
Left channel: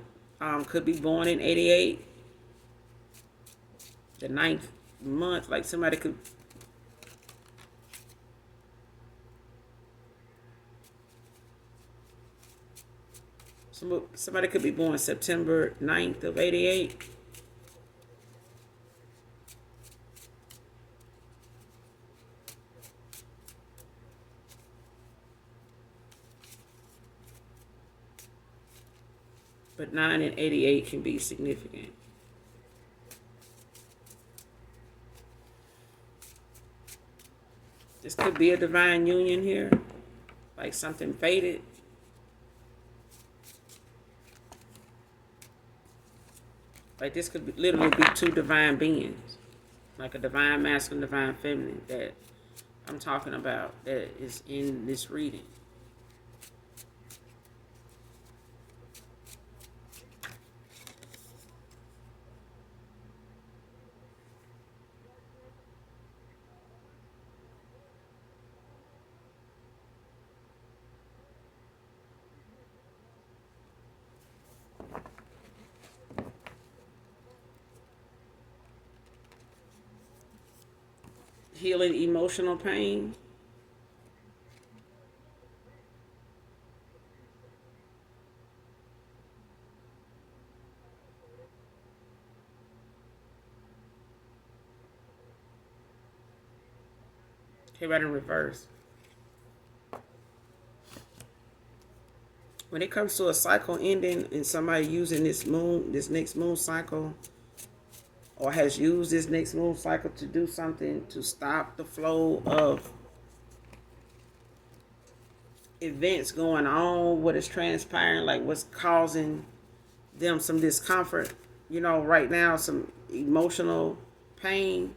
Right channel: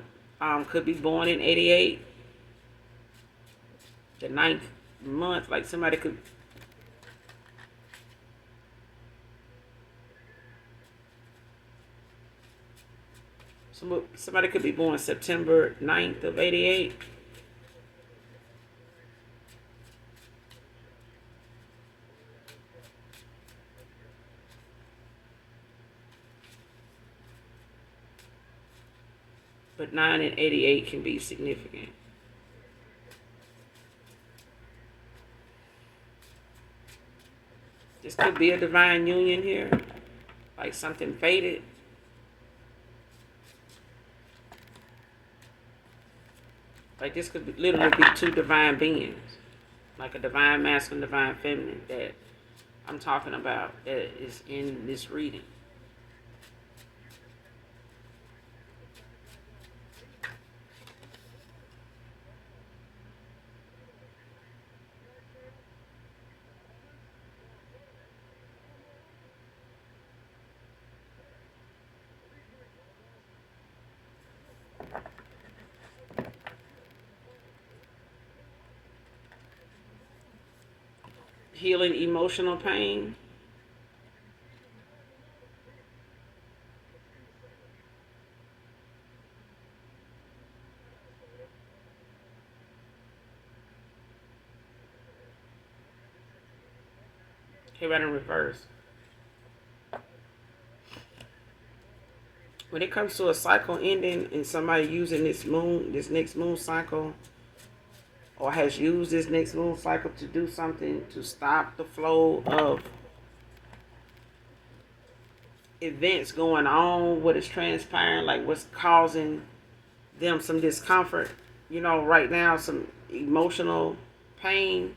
could be born in 88, the ninth month, like somebody could. Somebody could be born September 9th of 88. But 9 and 88 can be significant. This could be a divine union here. Like something fated. Like this could literally be two divine beings. Like a divine masculine, divine feminine that I'm talking about is in this reading. Healing emotional pain. Here right in reverse. When it comes to a cycle ending and somebody using this next moon cycle, or has used this next moon cycle to do something to stop the flow of events going on, what is transpiring, like what's causing them some discomfort, right now, some emotional pain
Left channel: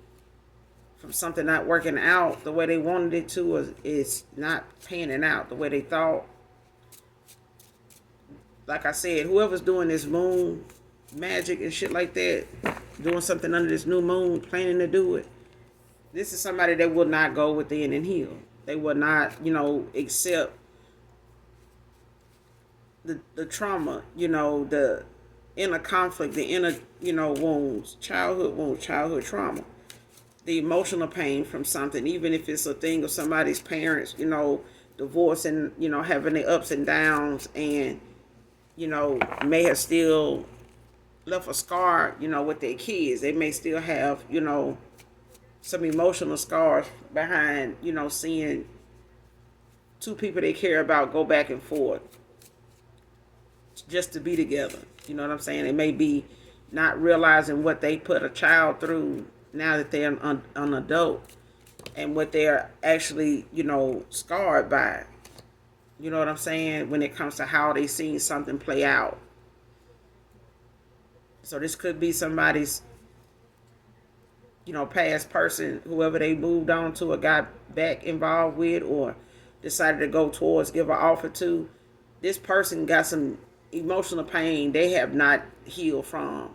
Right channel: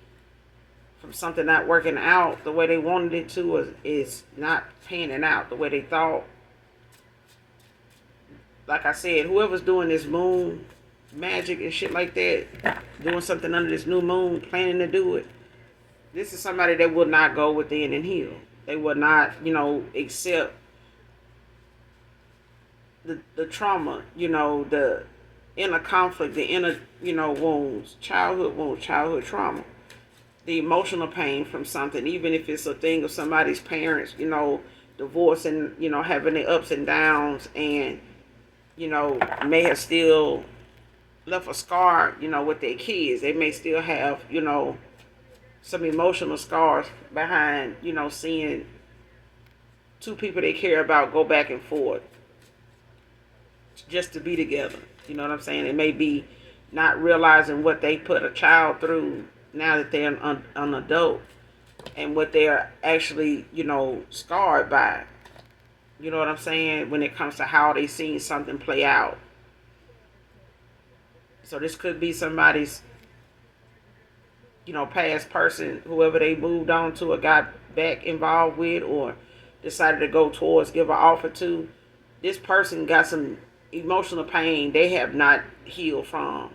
from something not working out the way they wanted it to, is not panning out the way they thought. Like I said, whoever's doing this moon magic and shit like that, doing something under this new moon, planning to do it, this is somebody that will not go within and heal. They will not, accept the trauma, the inner conflict, the inner, wounds, childhood trauma, the emotional pain from something, even if it's a thing of somebody's parents, divorce and, having the ups and downs, and, may have still left a scar, with their kids. They may still have, some emotional scars behind, seeing two people they care about go back and forth just to be together. You know what I'm saying? It may be not realizing what they put a child through now that they're an adult, and what they're actually, scarred by. You know what I'm saying? When it comes to how they see something play out. So this could be somebody's, past person, whoever they moved on to or got back involved with or decided to go towards, give an offer to. This person got some emotional pain they have not healed from.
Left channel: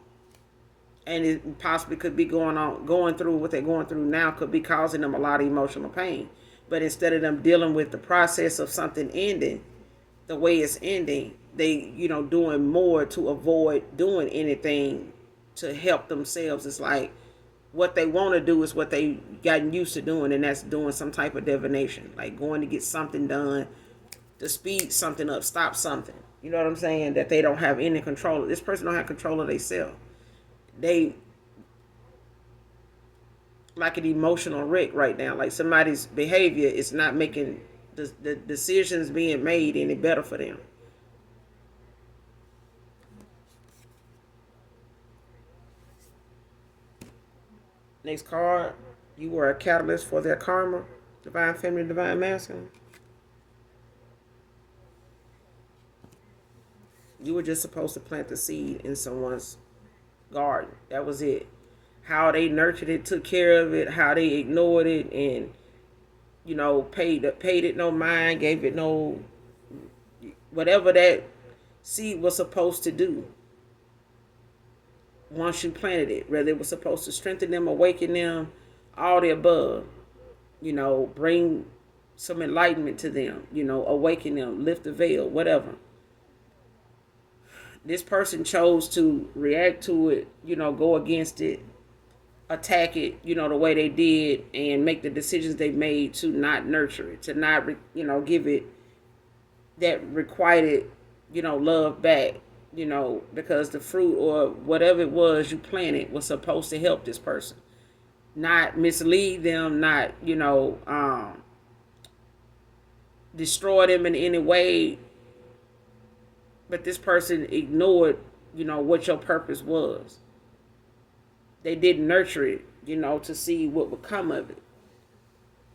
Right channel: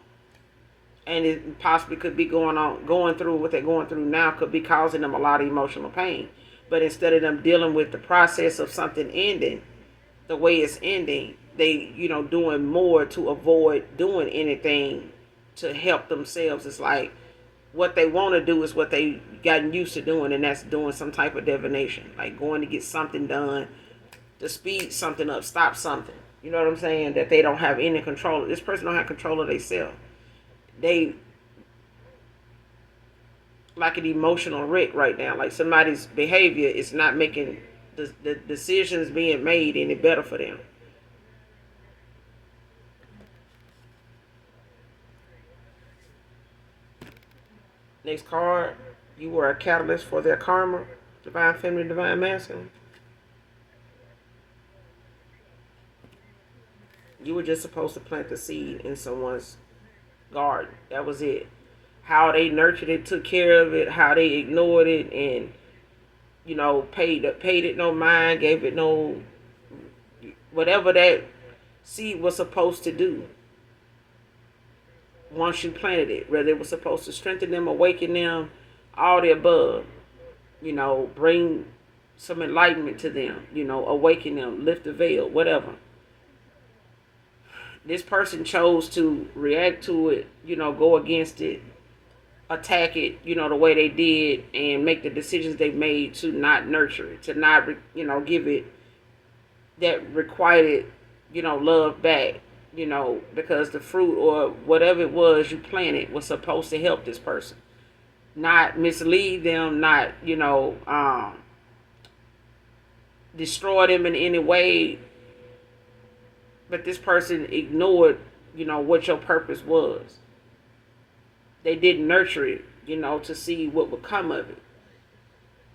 And it possibly could be going through what they're going through now, could be causing them a lot of emotional pain. But instead of them dealing with the process of something ending the way it's ending, they, doing more to avoid doing anything to help themselves. It's like what they want to do is what they gotten used to doing, and that's doing some type of divination, like going to get something done to speed something up, stop something. You know what I'm saying? That they don't have any control. This person don't have control of themselves. They like an emotional wreck right now. Like somebody's behavior is not making the decisions being made any better for them. Next card, you were a catalyst for their karma. Divine feminine, divine masculine. You were just supposed to plant the seed in someone's garden. That was it. How they nurtured it, took care of it, how they ignored it, and paid it no mind, gave it no whatever that seed was supposed to do. Once you planted it, whether it was supposed to strengthen them, awaken them, all the above, bring some enlightenment to them, awaken them, lift the veil, whatever. This person chose to react to it, go against it, attack it, the way they did, and make the decisions they made to not nurture it, to not, give it that requited, love back, because the fruit or whatever it was you planted was supposed to help this person, not mislead them, not, destroy them in any way. But this person ignored, what your purpose was. They didn't nurture it, to see what would come of it.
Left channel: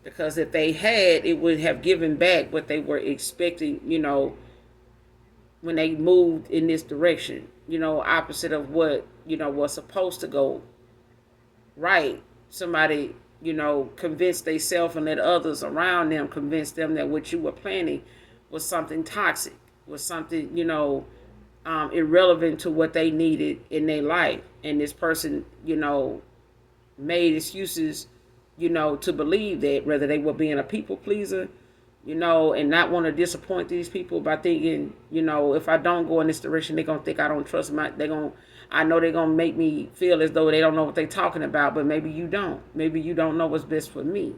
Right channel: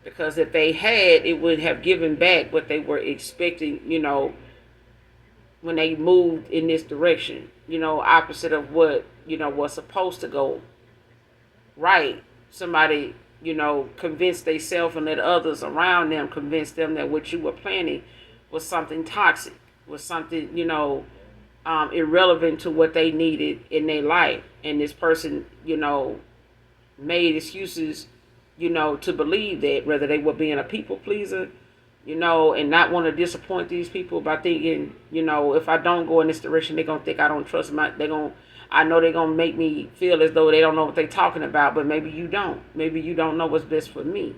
Because if they had, it would have given back what they were expecting, when they moved in this direction, opposite of what, was supposed to go right. Somebody convince themselves and let others around them convince them that what you were planning was something toxic, was something, irrelevant to what they needed in their life. And this person, made excuses, to believe that, whether they were being a people pleaser, and not want to disappoint these people by thinking, if I don't go in this direction, they're gonna think I don't trust my. I know they're gonna make me feel as though they don't know what they're talking about, but maybe you don't. Maybe you don't know what's best for me.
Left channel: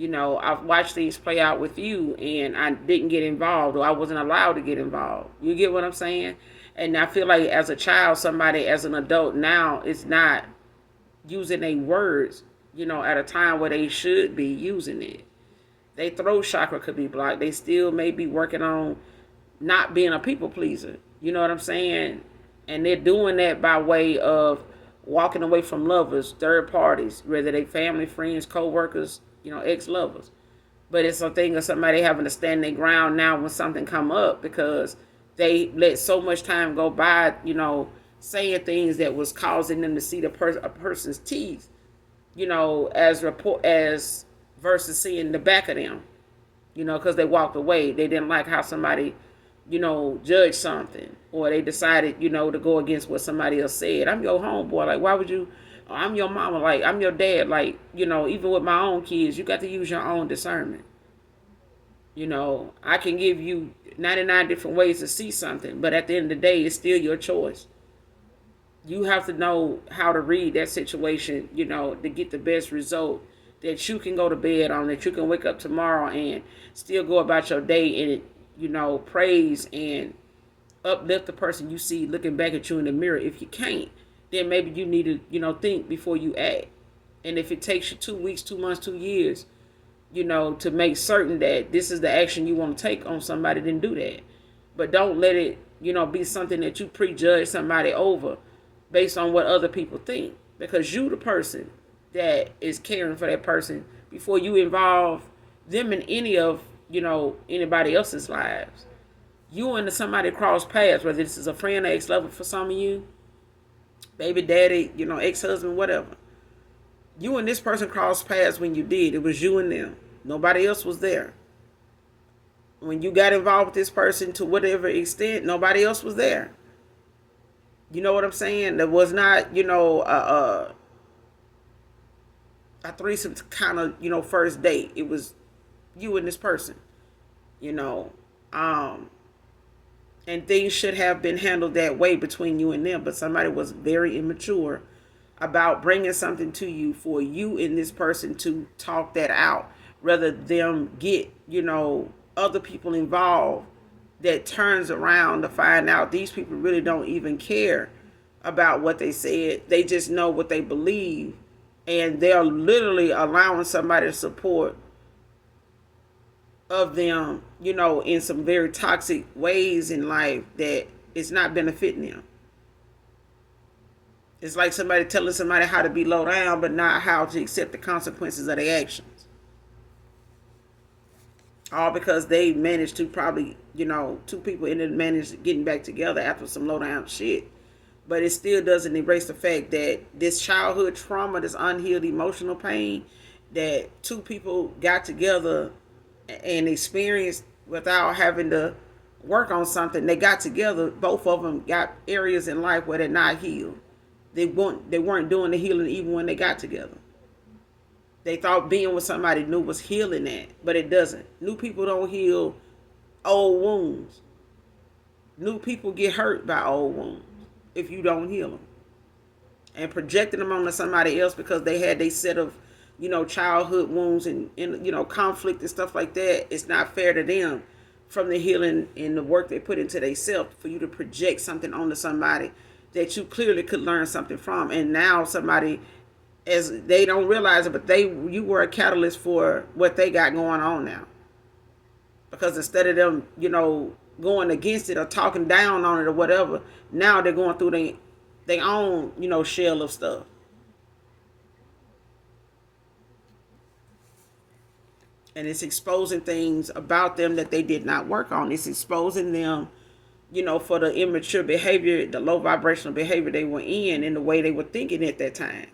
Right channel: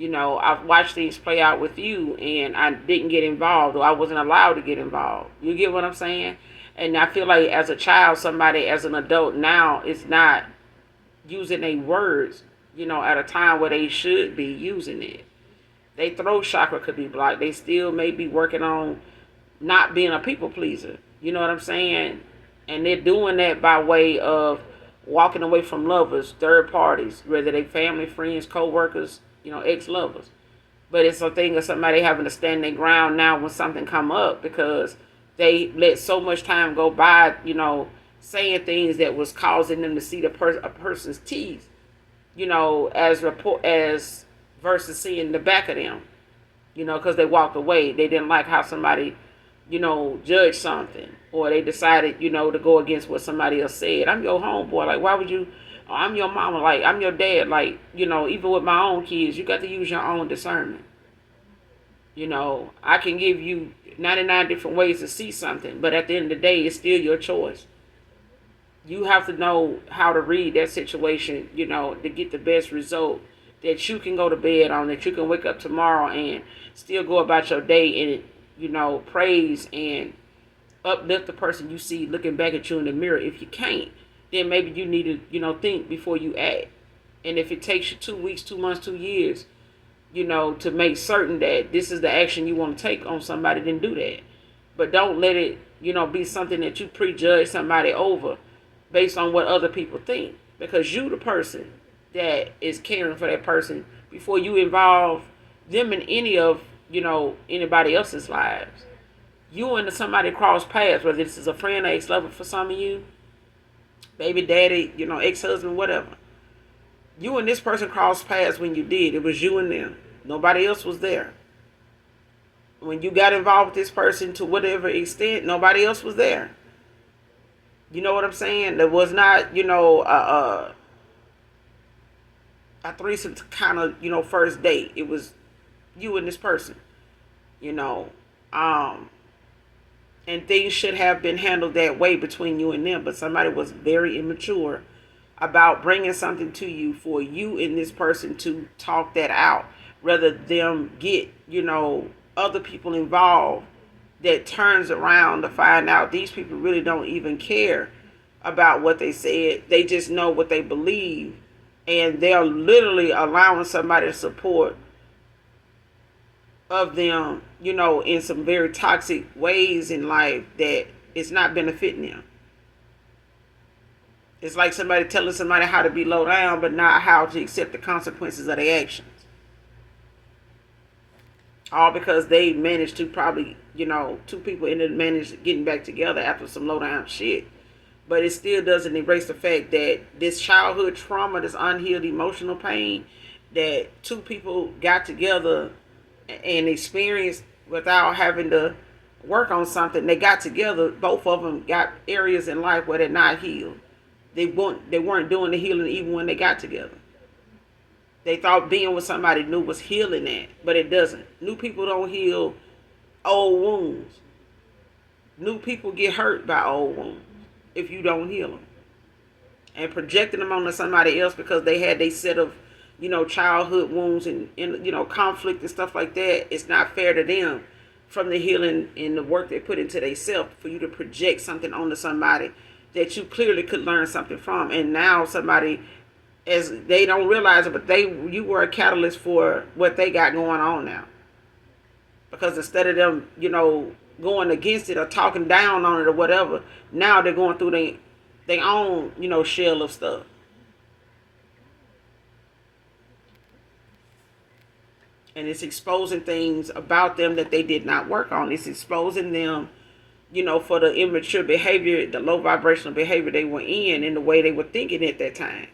I've watched things play out with you, and I didn't get involved, or I wasn't allowed to get involved. You get what I'm saying? And I feel like as a child, somebody as an adult now is not using their words, at a time where they should be using it. They throat chakra could be blocked. They still may be working on not being a people pleaser. You know what I'm saying? And they're doing that by way of walking away from lovers, third parties, whether they family, friends, co-workers, ex-lovers. But it's a thing of somebody having to stand their ground now when something come up, because they let so much time go by, saying things that was causing them to see a person's teeth, as versus seeing the back of them, because they walked away. They didn't like how somebody, judged something, or they decided, to go against what somebody else said. I'm your homeboy. Like, why would you? I'm your mama. Like, I'm your dad. Like, even with my own kids, you got to use your own discernment. I can give you 99 different ways to see something, but at the end of the day, it's still your choice. You have to know how to read that situation, to get the best result that you can go to bed on, that you can wake up tomorrow and still go about your day and, praise and uplift the person you see looking back at you in the mirror. If you can't, then maybe you need to, think before you act. And if it takes you 2 weeks, 2 months, 2 years, to make certain that this is the action you want to take on somebody, then do that. But don't let it, be something that you prejudge somebody over based on what other people think. Because you the person that is caring for that person before you involve them in any of, anybody else's lives. You and somebody cross paths, whether this is a friend or ex-lover for some of you, baby daddy, ex-husband, whatever. You and this person crossed paths when you did. It was you and them. Nobody else was there. When you got involved with this person to whatever extent, nobody else was there. You know what I'm saying? There was not, a threesome kind of, first date. It was you and this person, and things should have been handled that way between you and them, but somebody was very immature about bringing something to you for you and this person to talk that out, rather them get, other people involved, that turns around to find out these people really don't even care about what they said. They just know what they believe, and they're literally allowing somebody to support of them, in some very toxic ways in life that it's not benefiting them. It's like somebody telling somebody how to be low down, but not how to accept the consequences of their actions. All because they managed to probably, two people ended up managed getting back together after some low down shit. But it still doesn't erase the fact that this childhood trauma, this unhealed emotional pain that two people got together and experienced without having to work on something. They got together, both of them got areas in life where they're not healed. They weren't doing the healing even when they got together. They thought being with somebody new was healing that, but it doesn't. New people don't heal old wounds. New people get hurt by old wounds if you don't heal them. And projecting them onto somebody else because they had a set of, childhood wounds and conflict and stuff like that, it's not fair to them from the healing and the work they put into themselves for you to project something onto somebody that you clearly could learn something from. And now somebody, as they don't realize it, but you were a catalyst for what they got going on now. Because instead of them, going against it or talking down on it or whatever, now they're going through their own, shell of stuff. And it's exposing things about them that they did not work on. It's exposing them, for the immature behavior, the low vibrational behavior they were in and the way they were thinking at that time.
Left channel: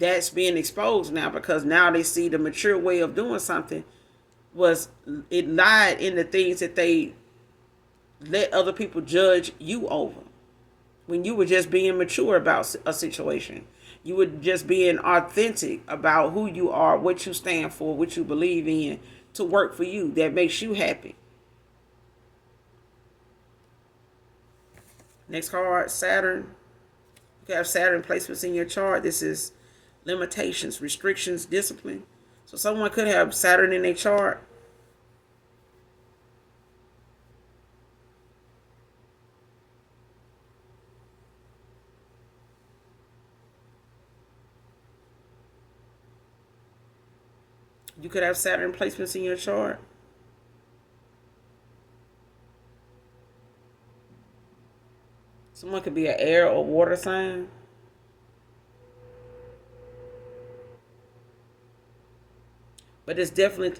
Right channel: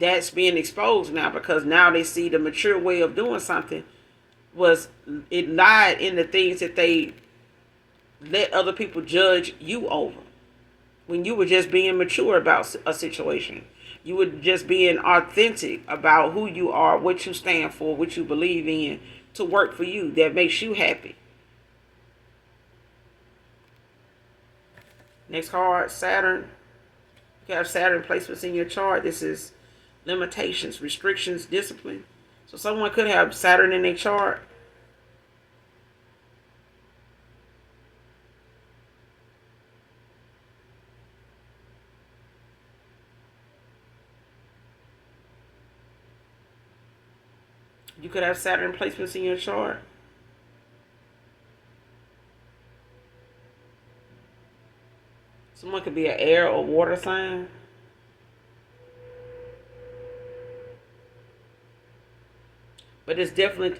that's being exposed now, because now they see the mature way of doing something was, it lied in the things that they let other people judge you over, when you were just being mature about a situation. You were just being authentic about who you are, what you stand for, what you believe in, to work for you, that makes you happy. Next card, Saturn. You have Saturn placements in your chart. This is limitations, restrictions, discipline. So someone could have Saturn in their chart. You could have Saturn placements in your chart. Someone could be an air or water sign. But it's definitely,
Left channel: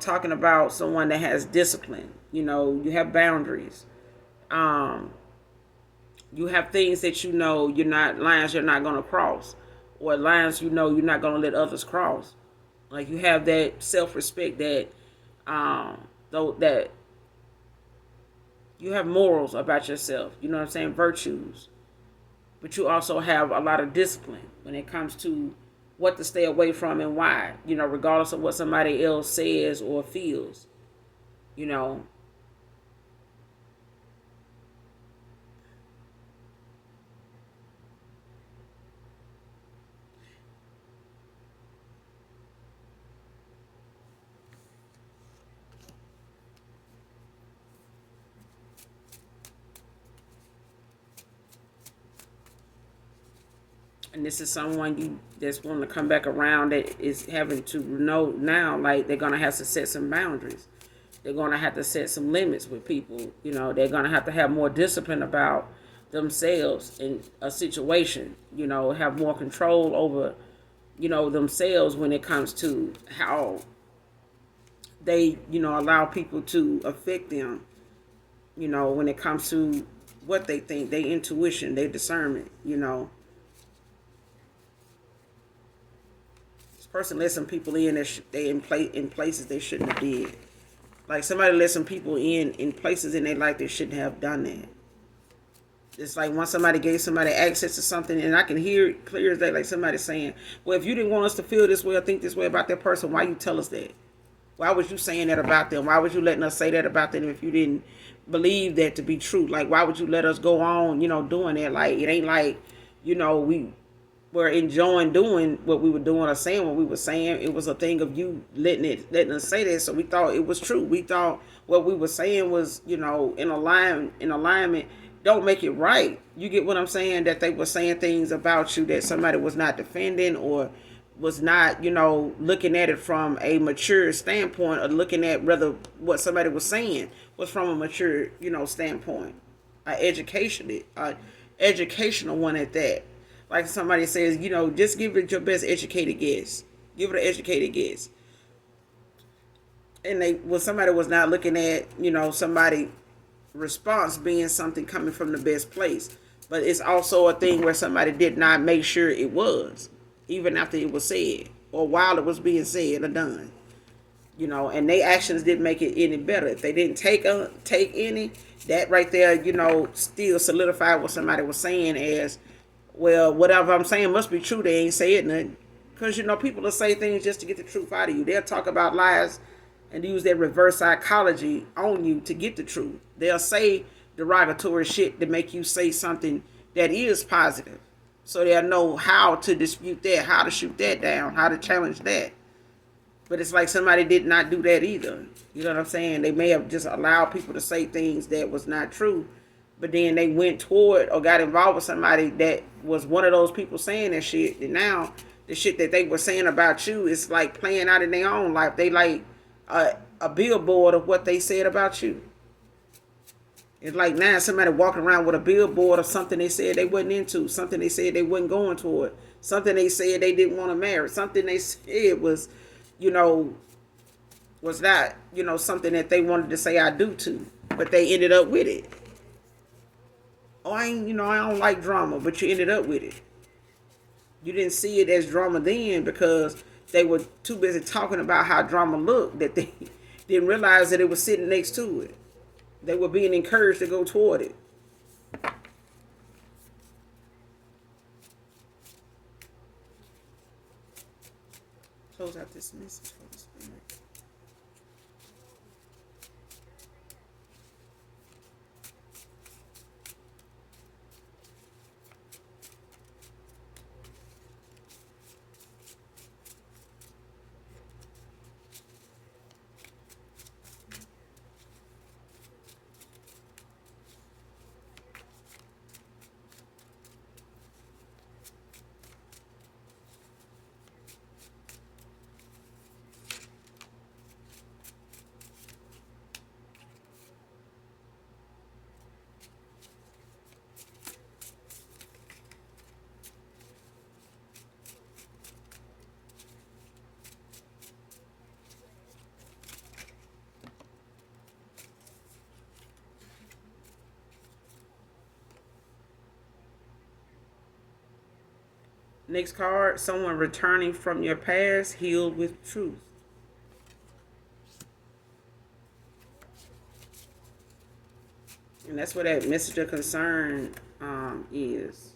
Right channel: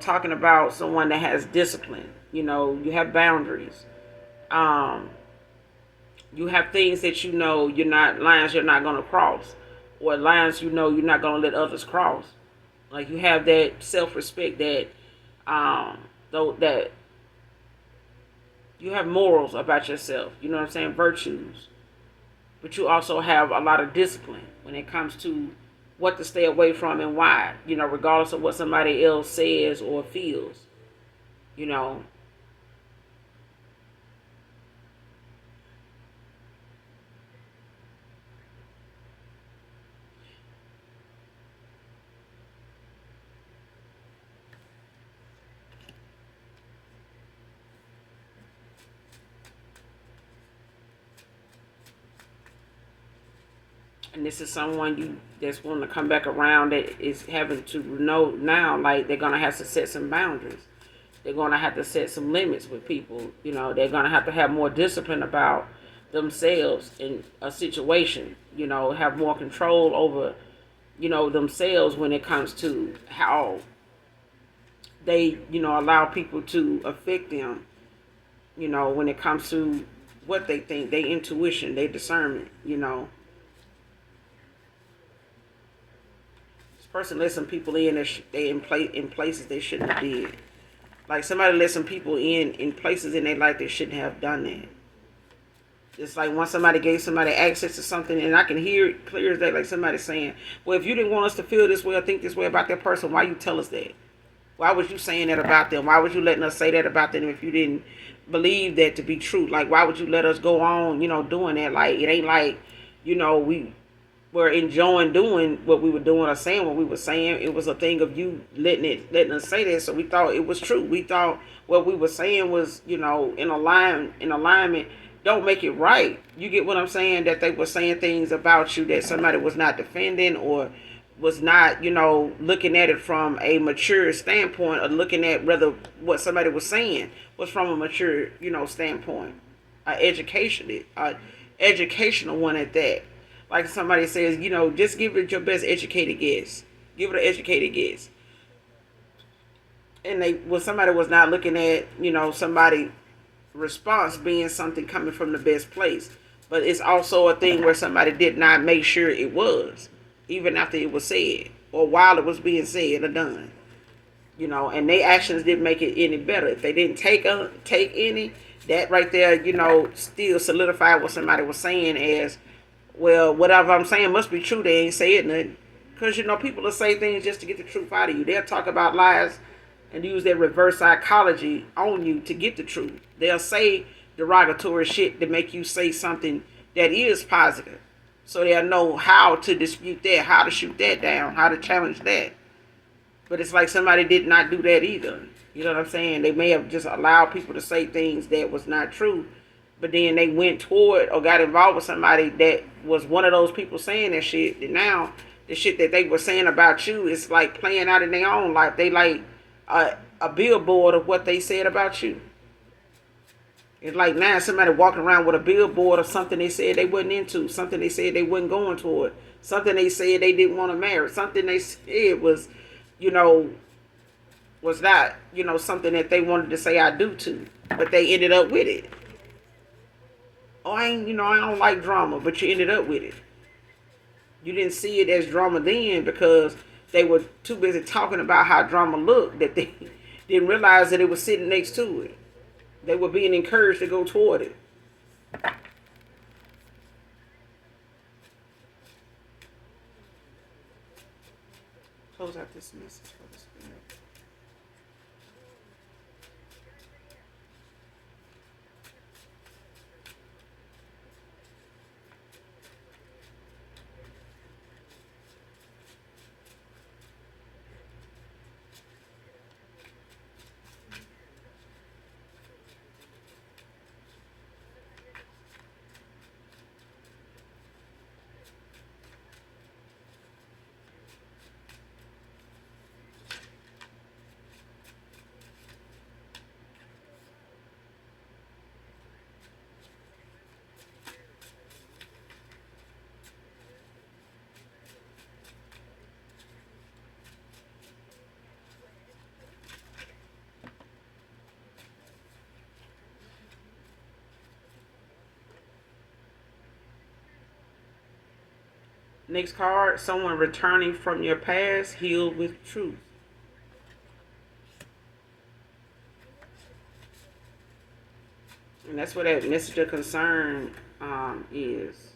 talking about someone that has discipline. You have boundaries. Um, you have things that you're not, lines you're not going to cross, or lines you're not going to let others cross. Like, you have that self-respect, that though, that you have morals about yourself. You know what I'm saying? Virtues. But you also have a lot of discipline when it comes to what to stay away from and why. Regardless of what somebody else says or feels. You know, and this is someone you that's wanting to come back around, that is having to know now, like, they're gonna have to set some boundaries. They're gonna have to set some limits with people. They're gonna have more discipline about themselves in a situation. Have more control over themselves when it comes to how they allow people to affect them. When it comes to what they think, their intuition, their discernment. Person let some people in that they in places they shouldn't have did. Like, somebody let some people in places in their life they shouldn't have done that. It's like, once somebody gave somebody access to something, and I can hear it clear as day, like somebody saying, well, if you didn't want us to feel this way or think this way about that person, why you tell us that? Why was you saying that about them? Why was you letting us say that about them if you didn't believe that to be true? Like, why would you let us go on, doing that? Like, it ain't like, we were enjoying doing what we were doing or saying what we were saying. It was a thing of you letting us say that, so we thought it was true. We thought what we were saying was, in alignment. Don't make it right. You get what I'm saying? That they were saying things about you that somebody was not defending, or was not, looking at it from a mature standpoint, or looking at whether what somebody was saying was from a mature, standpoint. Educational one at that. Like somebody says, just give it your best educated guess. Give it an educated guess. And somebody was not looking at, somebody response being something coming from the best place. But it's also a thing where somebody did not make sure it was, even after it was said, or while it was being said or done. And their actions didn't make it any better. If they didn't take any, that right there, still solidified what somebody was saying as, well, whatever I'm saying must be true. They ain't saying nothing. Because, people will say things just to get the truth out of you. They'll talk about lies and use their reverse psychology on you to get the truth. They'll say derogatory shit to make you say something that is positive. So they'll know how to dispute that, how to shoot that down, how to challenge that. But it's like somebody did not do that either. You know what I'm saying? They may have just allowed people to say things that was not true, but then they went toward or got involved with somebody that was one of those people saying that shit. And now the shit that they were saying about you is like playing out in their own life. They like a billboard of what they said about you. It's like now somebody walking around with a billboard of something they said they wasn't into, something they said they wasn't going toward, something they said they didn't want to marry, something they said was, was not, something that they wanted to say I do to, but they ended up with it. Oh, I don't like drama, but you ended up with it. You didn't see it as drama then because they were too busy talking about how drama looked that they didn't realize that it was sitting next to it. They were being encouraged to go toward it. Close out this message for this minute. Next card, someone returning from your past, healed with truth. And that's what that message of concern is.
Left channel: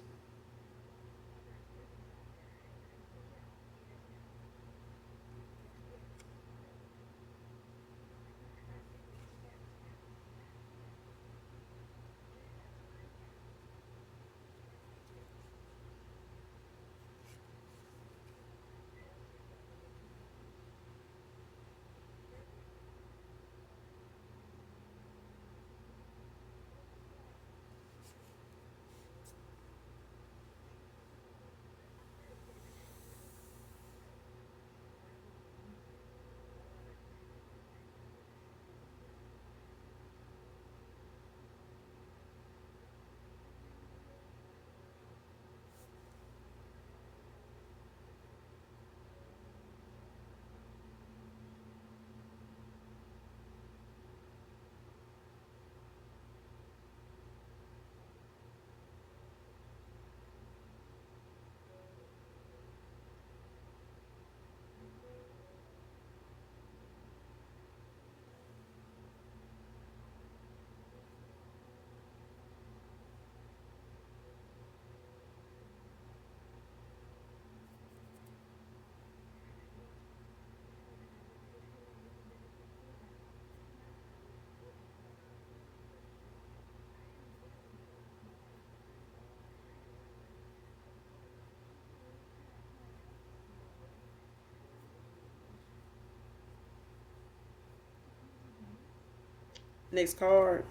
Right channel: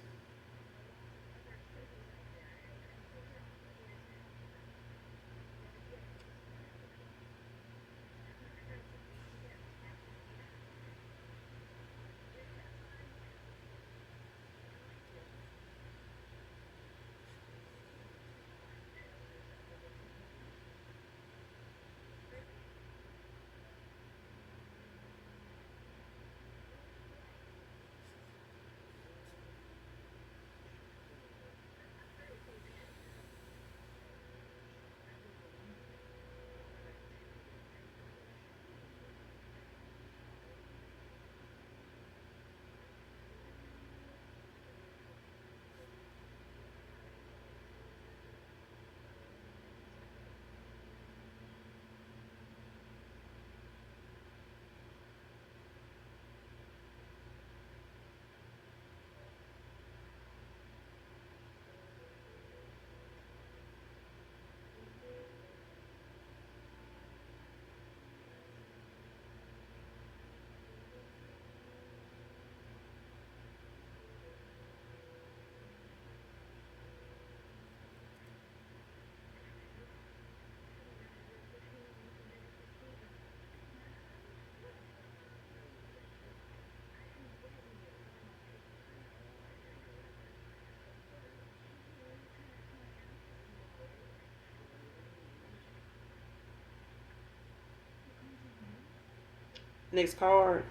Next card.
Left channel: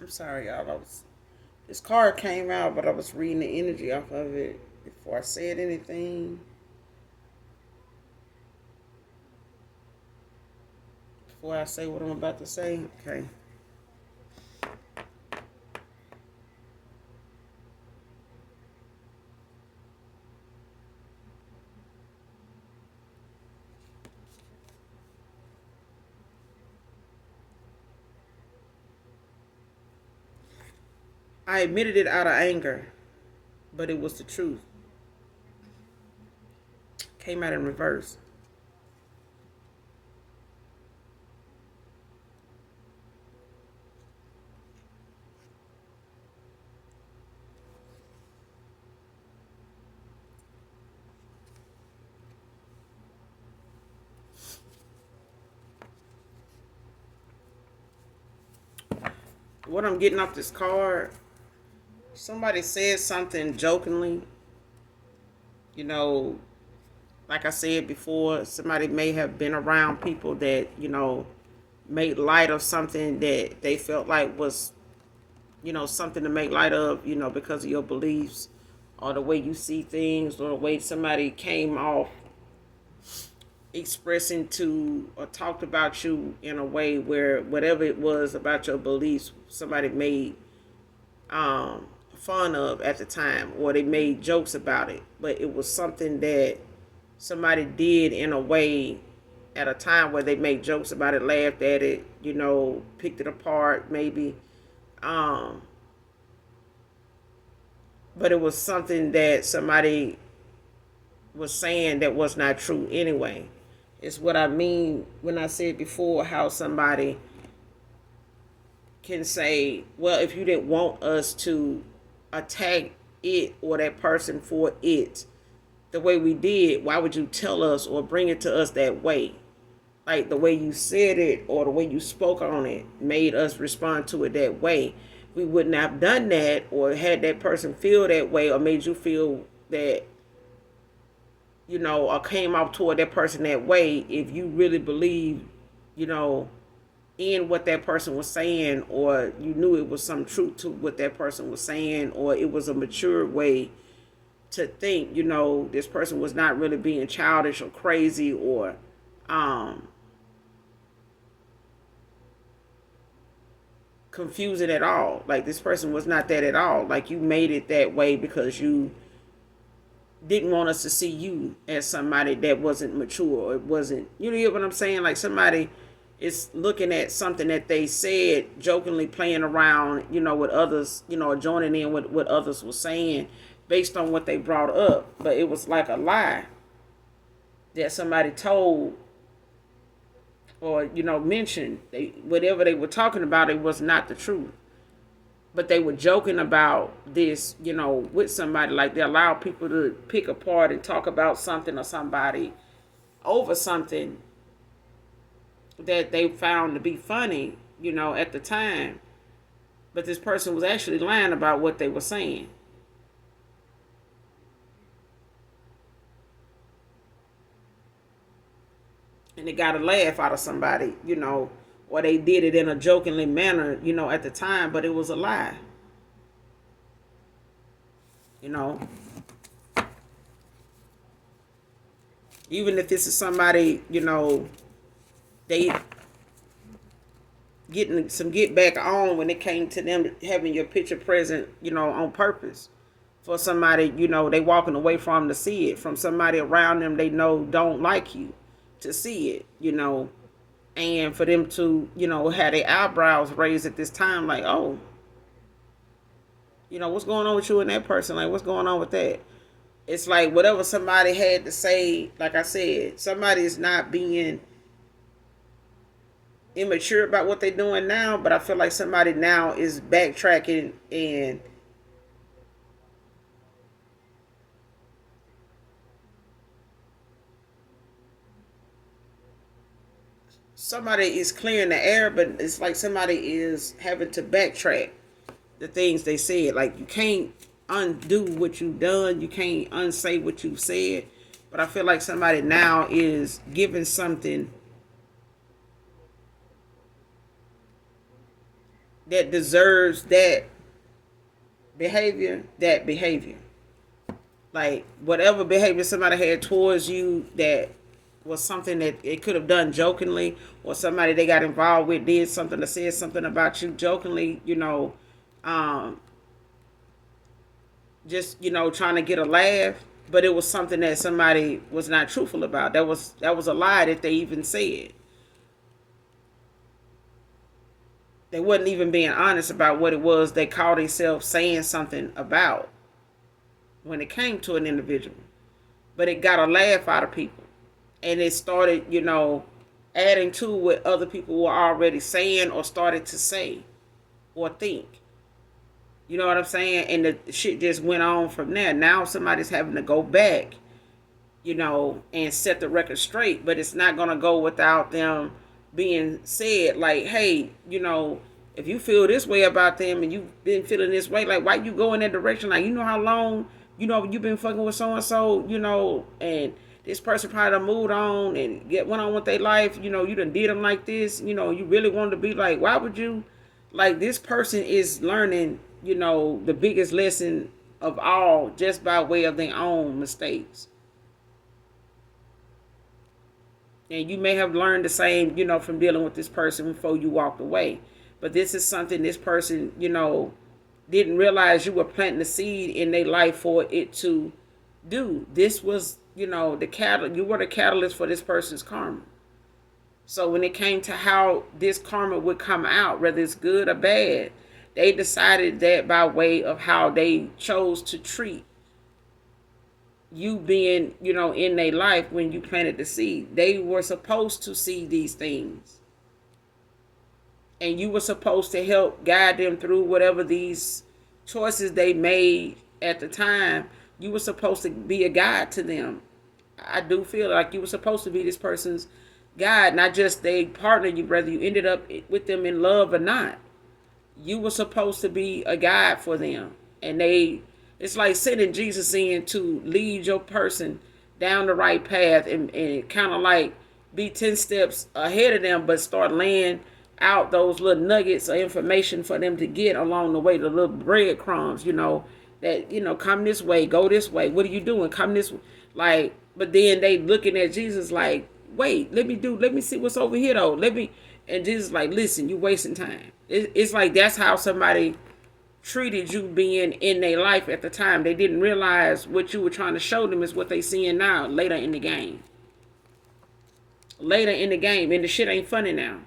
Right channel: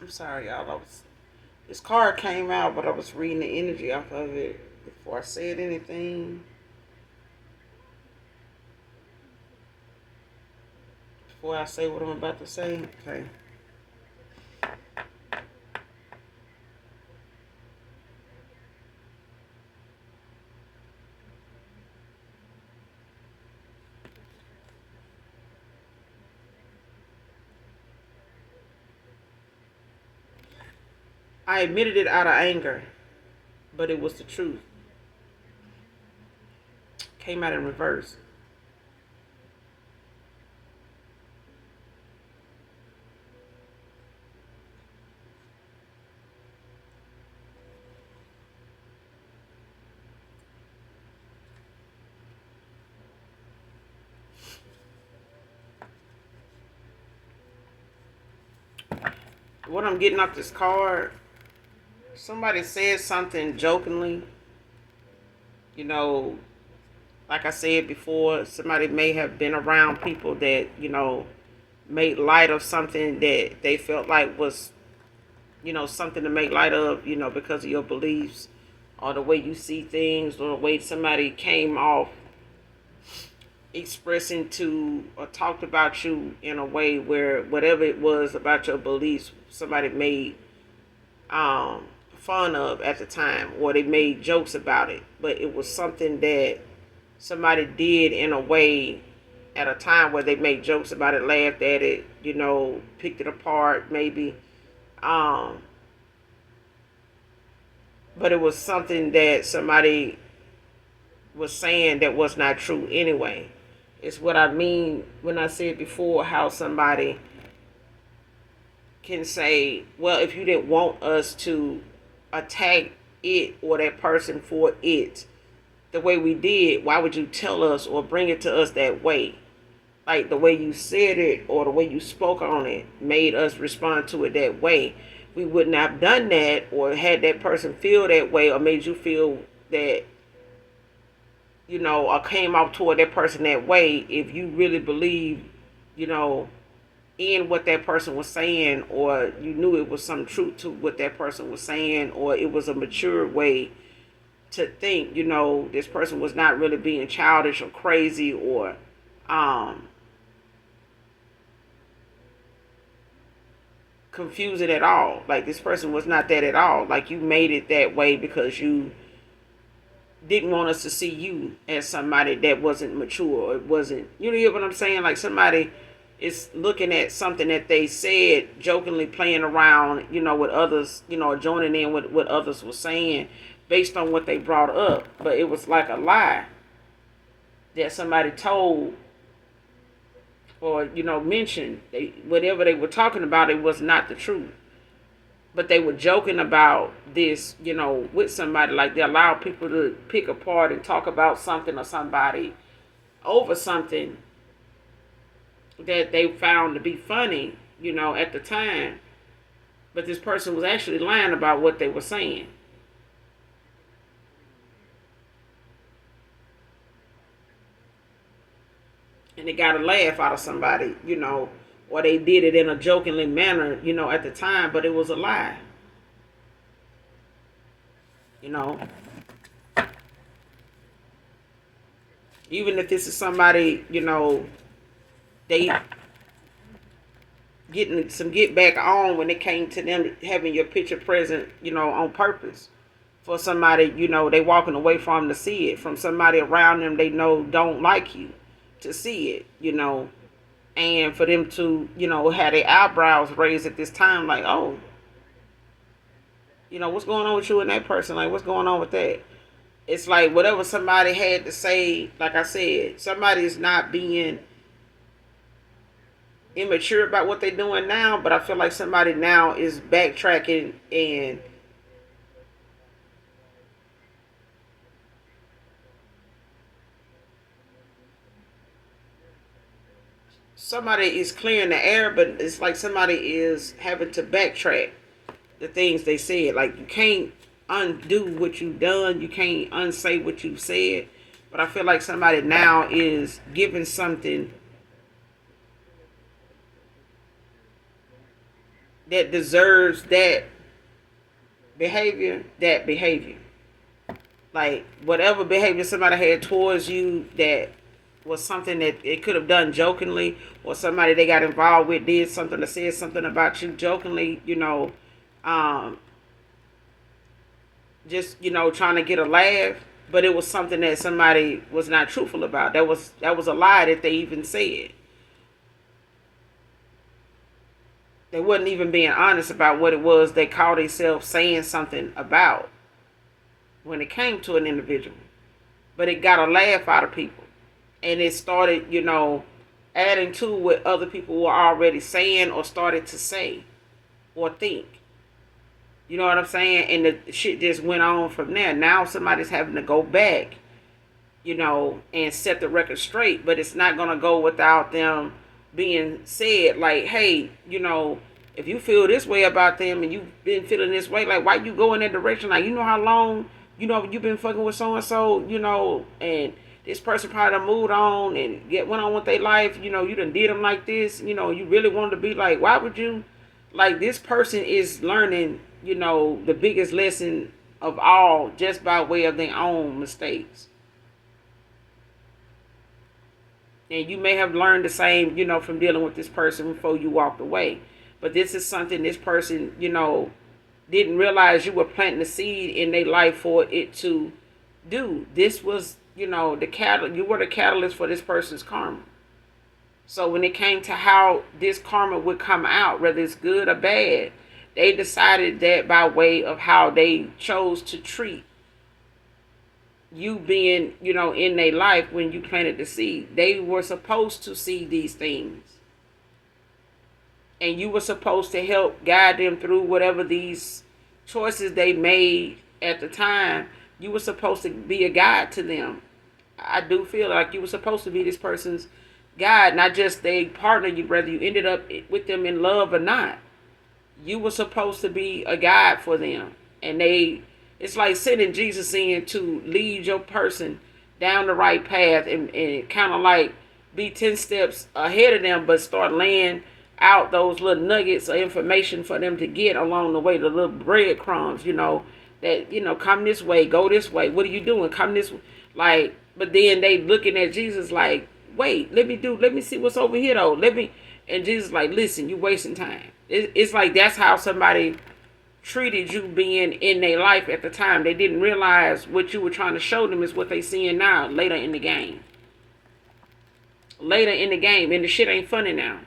I'm sorry, y'all. This card came out, but I was reading the energy off of it before I said anything. Before I say what I'm about to say. Okay. I admitted it out of anger, but it was the truth. Came out in reverse. What I'm getting off this card, somebody said something jokingly. You know, like I said before, somebody may have been around people that, made light of something that they felt like was, something to make light of, because of your beliefs or the way you see things or the way somebody came off expressing to or talked about you in a way where whatever it was about your beliefs somebody made fun of at the time or they made jokes about it, but it was something that somebody did in a way at a time where they made jokes about it, laughed at it, picked it apart maybe, um but it was something that somebody was saying that was not true anyway. It's what I mean when I said before how somebody can say, well, if you didn't want us to attack it or that person for it the way we did, why would you tell us or bring it to us that way? Like the way you said it or the way you spoke on it made us respond to it that way. We wouldn't have done that or had that person feel that way or made you feel that, or came off toward that person that way if you really believe, you know, in what that person was saying, or you knew it was some truth to what that person was saying, or it was a mature way to think, this person was not really being childish or crazy or confusing at all. Like this person was not that at all. Like you made it that way because you didn't want us to see you as somebody that wasn't mature or it wasn't, you know what I'm saying? Like somebody is looking at something that they said jokingly playing around, with others, joining in with what others were saying based on what they brought up. But it was like a lie that somebody told or, mentioned. Whatever they were talking about, it was not the truth. But they were joking about this, with somebody. Like they allow people to pick apart and talk about something or somebody over something that they found to be funny, at the time. But this person was actually lying about what they were saying. And they got a laugh out of somebody, or they did it in a jokingly manner, at the time, but it was a lie. You know, even if this is somebody, they getting some get back on when it came to them having your picture present, on purpose. For somebody, they walking away from to see it. From somebody around them they know don't like you to see it, and for them to, have their eyebrows raised at this time, like, oh, what's going on with you and that person? Like, what's going on with that? It's like whatever somebody had to say, like I said, somebody's not being immature about what they're doing now, but I feel like somebody now is backtracking and somebody is clearing the air, but it's like somebody is having to backtrack the things they said. Like you can't undo what you've done, you can't unsay what you've said. But I feel like somebody now is giving something that deserves that behavior. Like whatever behavior somebody had towards you that was something that it could have done jokingly, or somebody they got involved with did something or said something about you jokingly, um, just trying to get a laugh, but it was something that somebody was not truthful about. That was a lie that they even said. They wasn't even being honest about what it was they called themselves saying something about when it came to an individual. But it got a laugh out of people. And it started, adding to what other people were already saying or started to say or think. You know what I'm saying? And the shit just went on from there. Now somebody's having to go back, and set the record straight. But it's not going to go without them being said, like, hey, if you feel this way about them and you've been feeling this way, like, why you go in that direction? Like, how long, you've been fucking with so-and-so, and this person probably done moved on and went on with their life, you done did them like this, you really wanted to be like, why would you? Like, this person is learning, the biggest lesson of all just by way of their own mistakes. And you may have learned the same, from dealing with this person before you walked away. But this is something this person, didn't realize you were planting the seed in their life for it to do. This was, you were the catalyst for this person's karma. So when it came to how this karma would come out, whether it's good or bad, They decided that by way of how they chose to treat you being, in their life when you planted the seed. They were supposed to see these things. And you were supposed to help guide them through whatever these choices they made at the time. You were supposed to be a guide to them. I do feel like you were supposed to be this person's guide, not just they partner you, whether you ended up with them in love or not. You were supposed to be a guide for them. And it's like sending Jesus in to lead your person down the right path, and kind of like be 10 steps ahead of them, but start laying out those little nuggets of information for them to get along the way, the little breadcrumbs, that, come this way, go this way. What are you doing? Come this way. Like, but then they looking at Jesus like, wait, let me see what's over here though. And Jesus like, listen, you wasting time. It's like that's how somebody treated you being in their life at the time. They didn't realize what you were trying to show them is what they seeing now, later in the game. Later in the game, and the shit ain't funny now.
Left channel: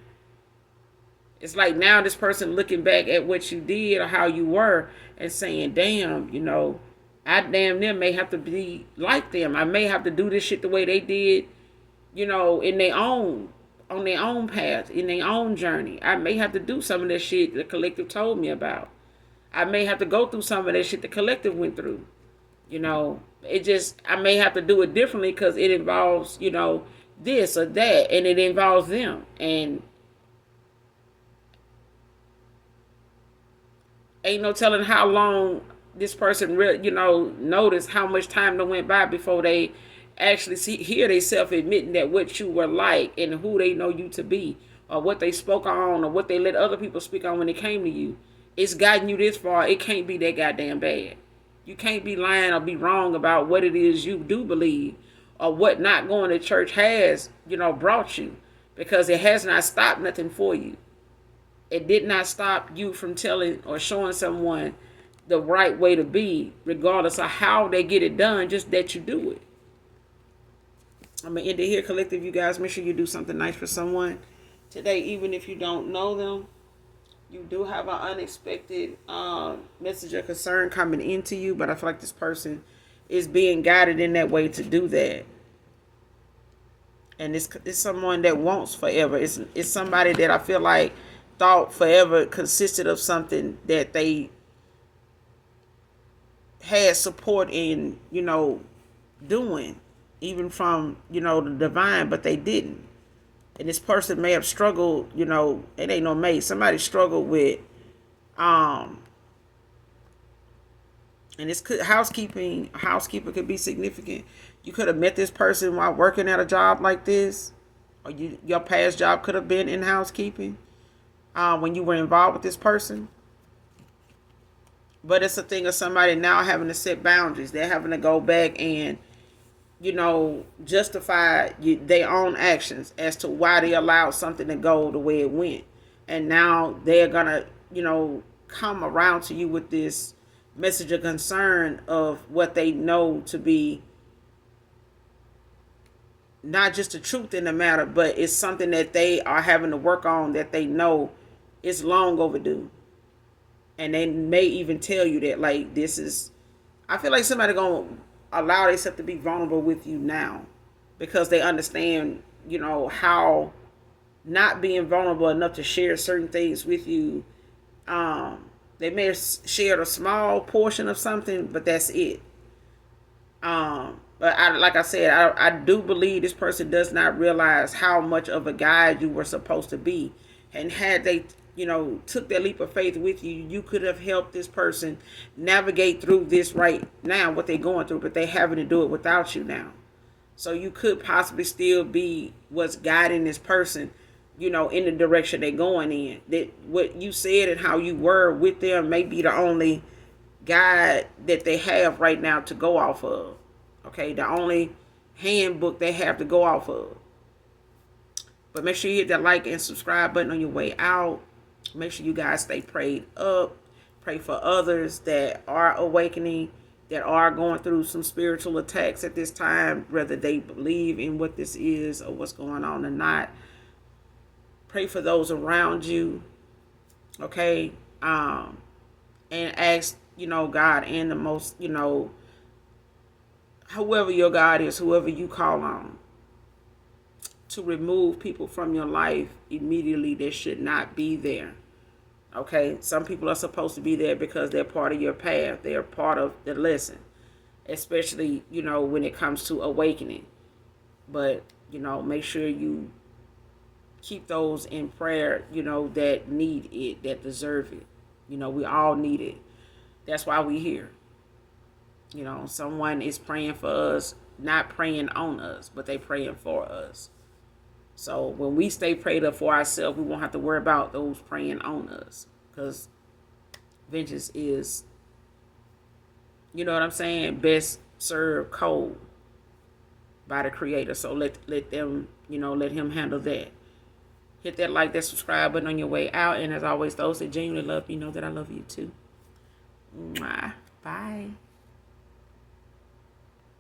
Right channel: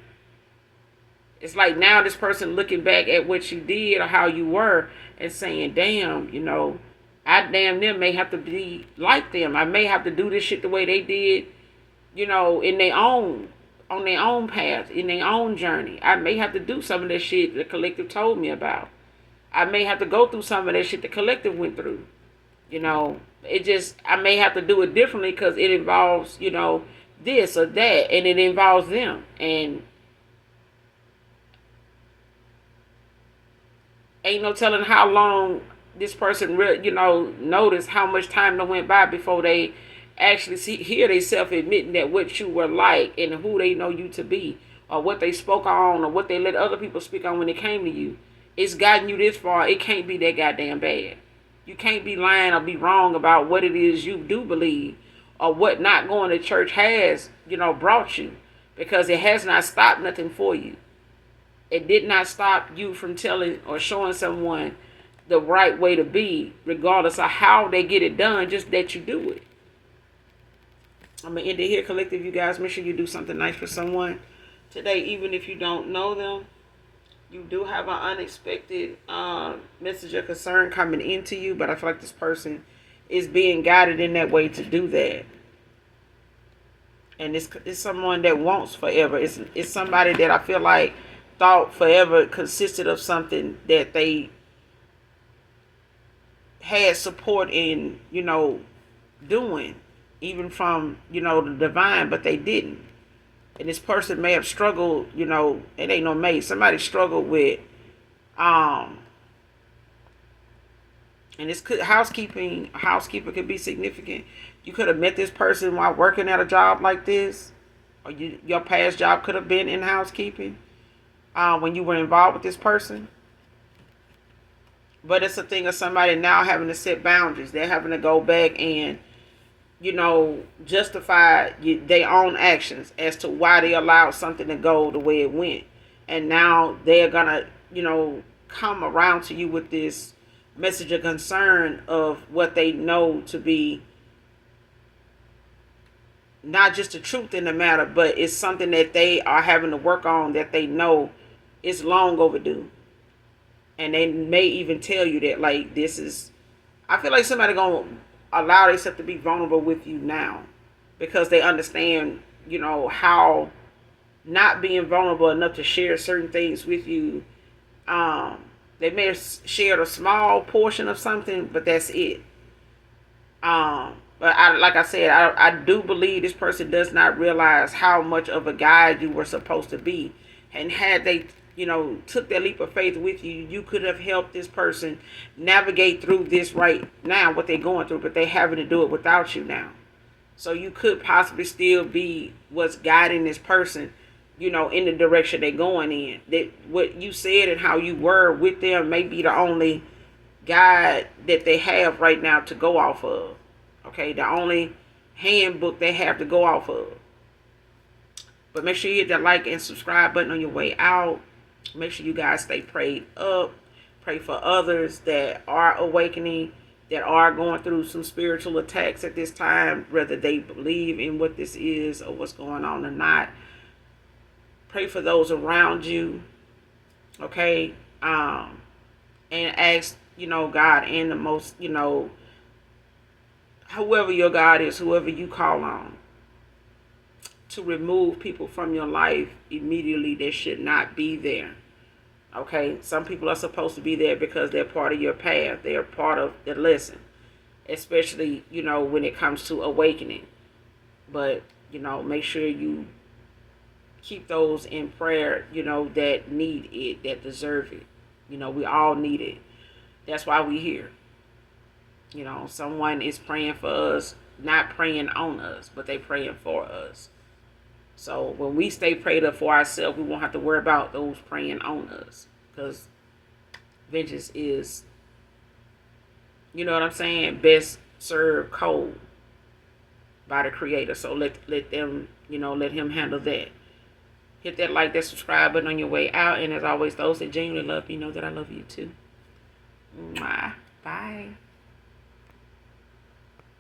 It's like now this person looking back at what you did or how you were and saying, damn, I damn near may have to be like them. I may have to do this shit the way they did, in their own, on their own path, in their own journey. I may have to do some of that shit the collective told me about. I may have to go through some of that shit the collective went through. I may have to do it differently because it involves, this or that, and it involves them. And ain't no telling how long this person noticed how much time that went by before they actually hear themselves admitting that what you were like and who they know you to be, or what they spoke on, or what they let other people speak on when it came to you. It's gotten you this far. It can't be that goddamn bad. You can't be lying or be wrong about what it is you do believe, or what not going to church has, brought you, because it has not stopped nothing for you. It did not stop you from telling or showing someone the right way to be, regardless of how they get it done, just that you do it. I'm going to end it here, collective. You guys, make sure you do something nice for someone today, even if you don't know them. You do have an unexpected message of concern coming into you, but I feel like this person is being guided in that way to do that. And it's someone that wants forever. It's somebody that I feel like thought forever consisted of something that they had support in, doing, even from, the divine, but they didn't. And this person may have struggled, it ain't no may. Somebody struggled with, and this housekeeper could be significant. You could have met this person while working at a job like this, or your past job could have been in housekeeping when you were involved with this person. But it's a thing of somebody now having to set boundaries. They're having to go back and, justify their own actions as to why they allowed something to go the way it went. And now they're going to, come around to you with this message of concern of what they know to be not just the truth in the matter, but it's something that they are having to work on that they know is long overdue. And they may even tell you that, like, I feel like somebody going to allow themselves to be vulnerable with you now, because they understand, how not being vulnerable enough to share certain things with you. They may have shared a small portion of something, but that's it. But like I said, I do believe this person does not realize how much of a guide you were supposed to be. And had they, took that leap of faith with you, you could have helped this person navigate through this right now, what they're going through, but they're having to do it without you now. So you could possibly still be what's guiding this person, in the direction they're going in. That what you said and how you were with them may be the only guide that they have right now to go off of. Okay, the only handbook they have to go off of. But make sure you hit that like and subscribe button on your way out. Make sure you guys stay prayed up. Pray for others that are awakening, that are going through some spiritual attacks at this time, whether they believe in what this is or what's going on or not. Pray for those around you. Okay. and ask, God and the most, whoever your God is, whoever you call on, to remove people from your life immediately that should not be there. Okay, some people are supposed to be there because they're part of your path. They're part of the lesson, especially when it comes to awakening. But make sure you keep those in prayer. That need it, that deserve it. We all need it. That's why we here. Someone is praying for us, not praying on us, but they praying for us. So when we stay prayed up for ourselves, we won't have to worry about those praying on us, because vengeance is, what I'm saying, best served cold by the Creator. So let them, let Him handle that. Hit that like, that subscribe button on your way out, and as always, those that genuinely love you know that I love you too. Mwah. Bye.